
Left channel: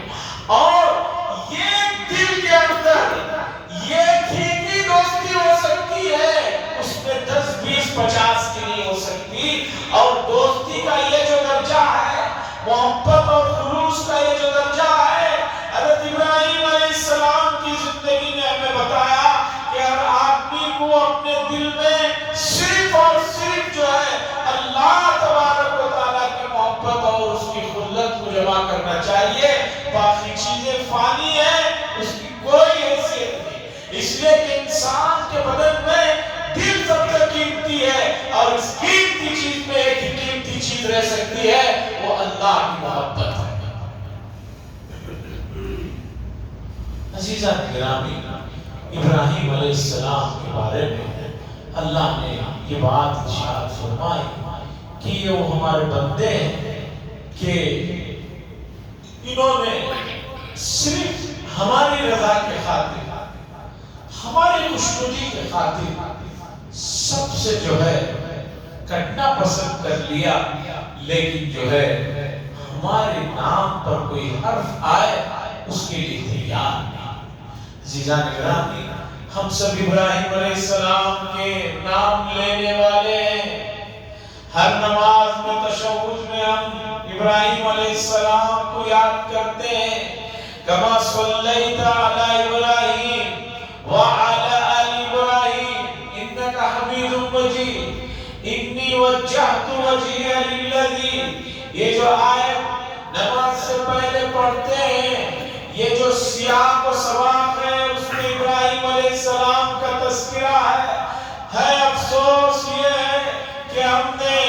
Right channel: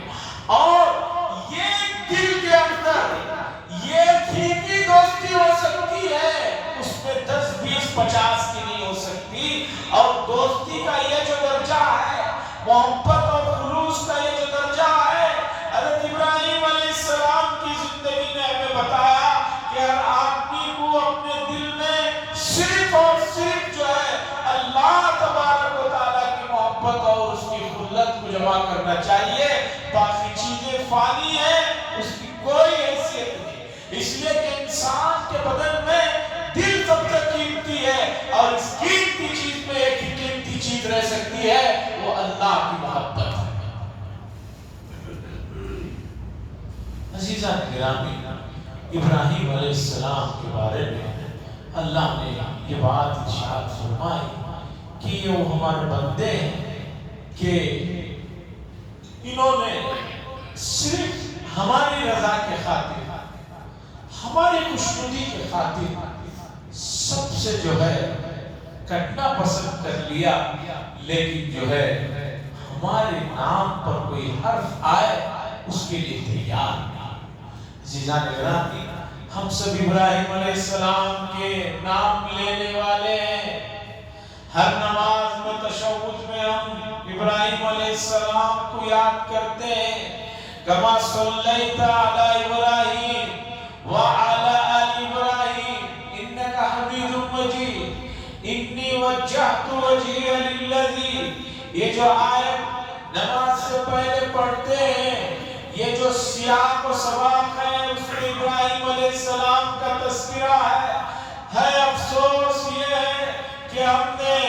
جمع کرنا چاہیے. باقی چیزیں فانی ہیں، اس کی کوئی حیثیت نہیں. اس لیے کہ انسان کے بدن میں دل سب سے قیمتی ہے، اور اس قیمتی چیز میں ایک ہی قیمتی چیز رہ سکتی ہے، وہ اللہ کی محبت ہے. عزیزان گرامی، ابراہیم علیہ السلام کے بارے میں اللہ نے یہ بات ارشاد فرمائی کہ یہ وہ ہمارے بندے ہیں کہ انہوں نے صرف ہماری رضا کے خاطر، ہماری خوشنودی کے خاطر سب سے جو ہے کٹنا پسند کر لیا، لیکن جو ہے ہمارے نام پر کوئی حرف آئے اس کے لیے تیار نہیں. عزیزان گرامی، ہم سب ابراہیم علیہ السلام کے نام لینے والے ہیں. ہر نماز میں تشہد میں ہم ابراہیم علیہ السلام کو یاد کرتے ہیں. کما صلیت علی ابراہیم وعلی آل ابراہیم انک حمید مجید انی وجہت وجہی للذی. یہ جو آیت نماز سے پہلے پڑھتے ہیں، یہ جو سیاق و سباق ہے، اس میں ابراہیم علیہ السلام کا تذکرہ ہے. افسوس یہ ہے کہ ہم نے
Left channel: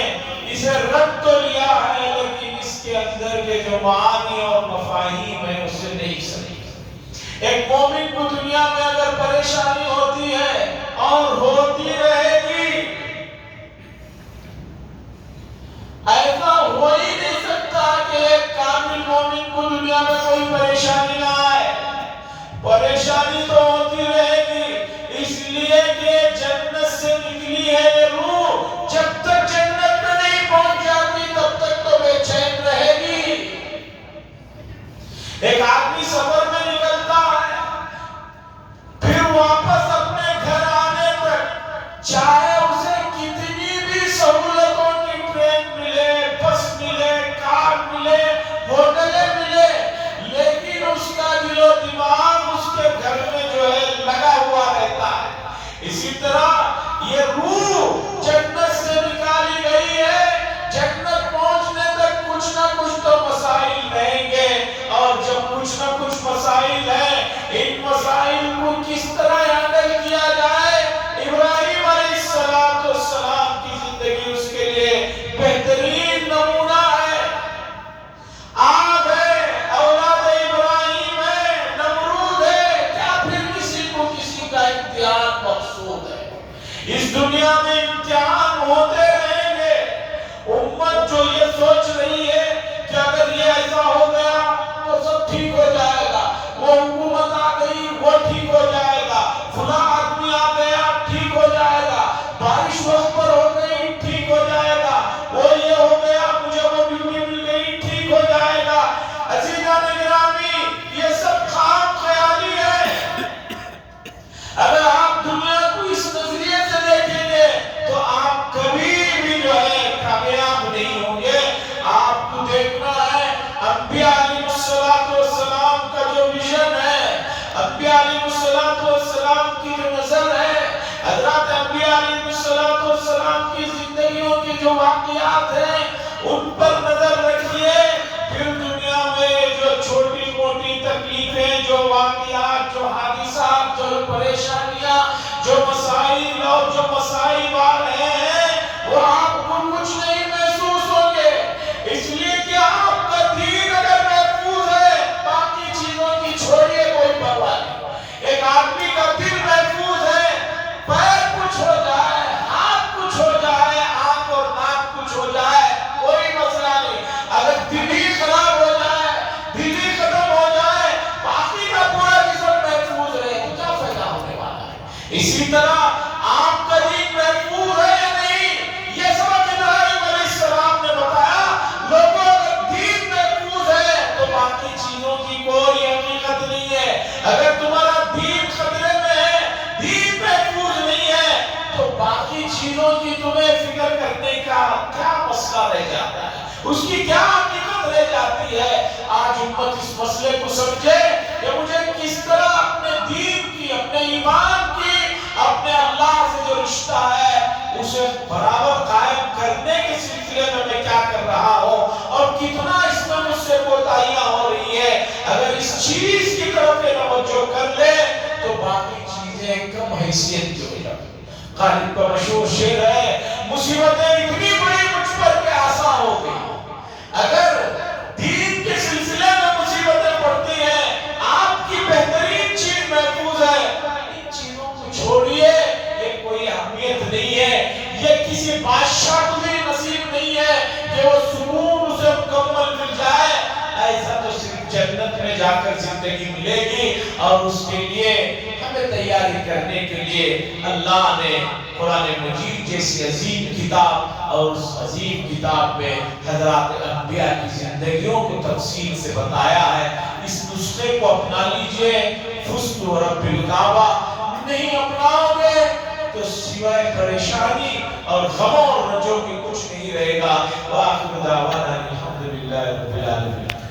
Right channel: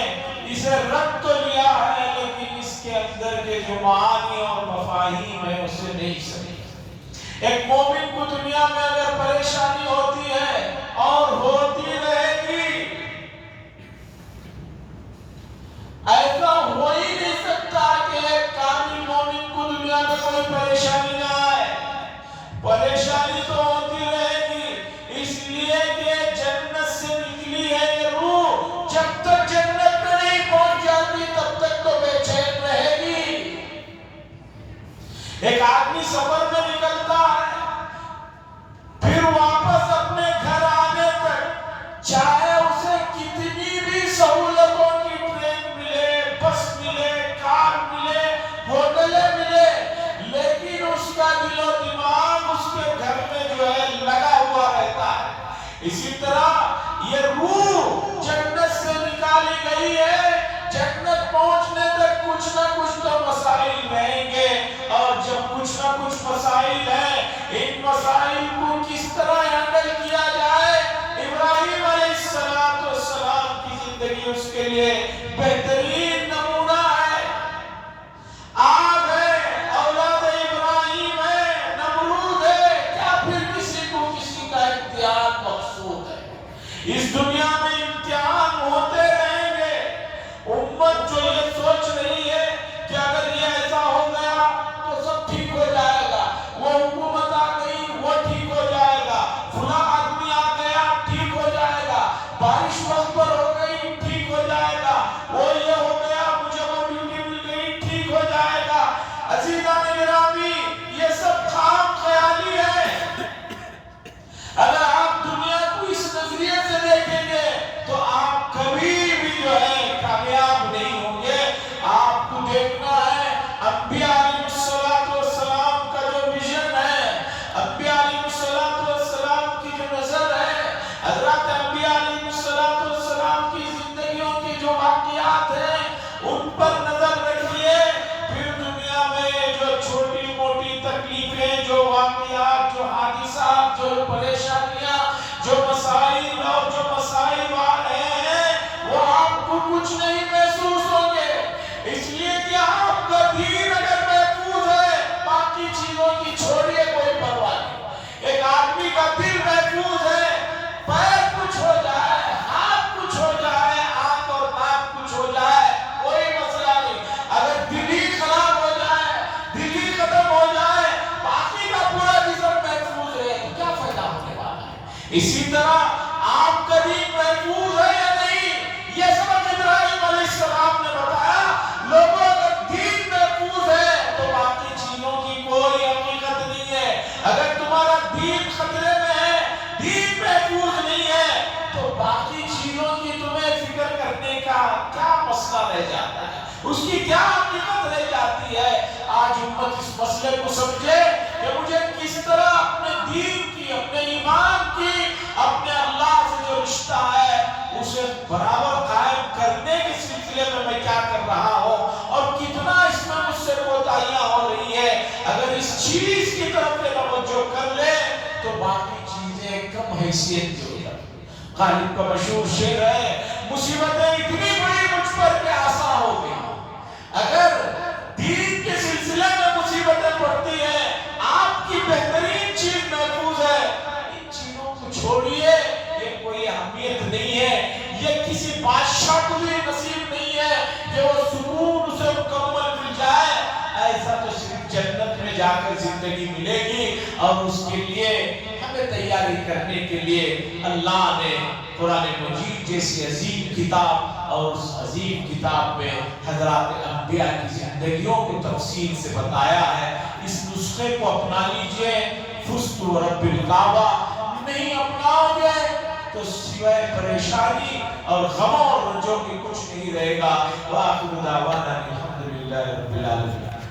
اسے رد تو لیا ہے، لیکن اس کے اندر کے جو معانی اور مفاہیم ہیں اسے نہیں سمجھتے. ایک مومن کو دنیا میں اگر پریشانی ہوتی ہے اور ہوتی رہے گی، ایسا ہو ہی نہیں سکتا کہ ایک کامل مومن کو دنیا میں کوئی پریشانی نہ آئے. پریشانی تو ہوتی رہے گی، اس لیے کہ جنت سے نکلی ہے یہ روح، جب تک جنت میں نہیں پہنچ جاتی تب تک تو بے چین رہے گی. ایک آدمی سفر میں نکلتا ہے، پھر واپس اپنے گھر آنے تک چاہے اسے کتنی بھی سہولتوں کی ٹرین ملے، بس ملے، کار ملے، ہوٹلیں ملے، لیکن اس کا دل و دماغ اس کے گھر میں جو ہے لگا ہوا رہتا ہے. اسی طرح یہ روح جنت سے نکالی گئی ہے، جنت پہنچنے تک کچھ نہ کچھ تو مسائل رہیں گے، اور جب کچھ نہ کچھ مسائل ہیں، ان مسائل کو کس طرح ہینڈل کیا جائے. ابراہیم علیہ السلام کی زندگی اس کے لیے بہترین نمونہ ہے. آگ ہے، اولاد ابراہیم ہے، نمرود ہے، کیا پھر کسی کو کسی کا امتحان مقصود ہے؟ اس دنیا میں امتحان ہوتے رہیں گے. امت جو یہ سوچ رہی ہے کہ اگر یہ ایسا ہو گیا تو سب ٹھیک ہو جائے گا، وہ حکومت آ گئی وہ ٹھیک ہو جائے گا، فلاں آدمی آ گیا ٹھیک ہو جائے گا، بارش وقت پر ہو گئی ٹھیک ہو جائے گا، وہ یہ ہو گیا مجھے وہ ڈیوٹی مل گئی ٹھیک ہو جائے گا. عزیزان گرامی، یہ سب خام خیالی ہے. اگر آپ دنیا کو اس نظریے سے دیکھیں گے تو آپ کبھی بھی جو ہے کامیاب نہیں ہوں گے. آپ کو دیکھنا ہے انبیاء علیہ السلام کا جو ویژن ہے، انبیاء علیہ السلام کی جو نظر ہے، حضرات انبیاء علیہ السلام کی زندگیوں کی جو واقعات ہیں ان پر نظر رکھیے. پھر دنیا میں جو چھوٹی موٹی تکلیفیں، جو واقعات، جو حادثات، جو پریشانیاں، جو مسائل اور جو مسائل آ رہے ہیں، وہ آپ کو کچھ نہیں محسوس ہوں گے. اس لیے کہ آپ کا دین اگر محفوظ ہے، باقی چیزوں کی چھوڑیے، کوئی پرواہ نہیں. ایک آدمی کا دل محفوظ ہے، پیر کچھ ہو جائے، ہاتھ کچھ ہو جائے، آنکھ اور ناک کچھ ہو جائے، کوئی مسئلہ نہیں. اگر دل ہی خراب ہو جائے، دل ہی ختم ہو جائے، باقی کا پورا جسم محفوظ رہے تو کیا فائدہ ہونے والا ہے. اسی طرح آپ کا دین محفوظ ہے یا نہیں، یہ سبق ابراہیم علیہ السلام نے بتایا. لوگوں کا دین محفوظ ہے تو باقی چیزوں کی کوئی حقیقت نہیں ہے. اگر تمہارا دین خطرے میں ہے، دین محفوظ نہیں ہے، تو باقی چیزوں کی تمہیں فکر کرنے کا کیا مسئلہ رہ جاتا ہے، اس کی کیا حقیقت رہ جاتی ہے. آج امت اس مسئلے کو سمجھے کہ مجھے کس طرح اپنے دین کی، اپنے ایمان کی، اپنے اللہ سے جو رشتہ ہے اسے برابر قائم کرنے کے سلسلے میں کیا کر رہا ہوں، اور کتنا اس میں مجھ سے تو باقی چیزیں کم حیثیت کی ہو جاتی ہیں۔ غالب کا مشہور شعر ہے، مصیبتیں اتنی بڑی مجھ پر کہ آسان ہو گئی۔ اگر دین کے سلسلے میں مصیبتیں پڑتی ہیں، آپ کی بہترین چیز محفوظ ہے، ان چیزوں کو چھوڑیے، یہ کوئی اہمیت نہیں ہے، یہ کسی بادشاہ کو بھی نصیب نہیں ہے کہ وہ سکون اسے مکمل مل جائے۔ ایسا تو صرف جنت میں جا کر زندگی ملے گی، اور اس کے لیے ہمیں تیاری کرنے کے لیے اللہ نے قرآن مجید جیسی عظیم کتاب، اور اس عظیم کتاب میں حضرات انبیاء کی زندگیوں کو تفصیل سے بتایا ہے۔ اس نسخے کو اپنا لیجئے، فزت ورب الکعبہ، نہیں اپناؤ گے تو سوائے پریشانی اور غموں اور رنجوں کے کچھ نہیں رہے گا۔ وآخر دعوانا الحمدللہ رب العالمین۔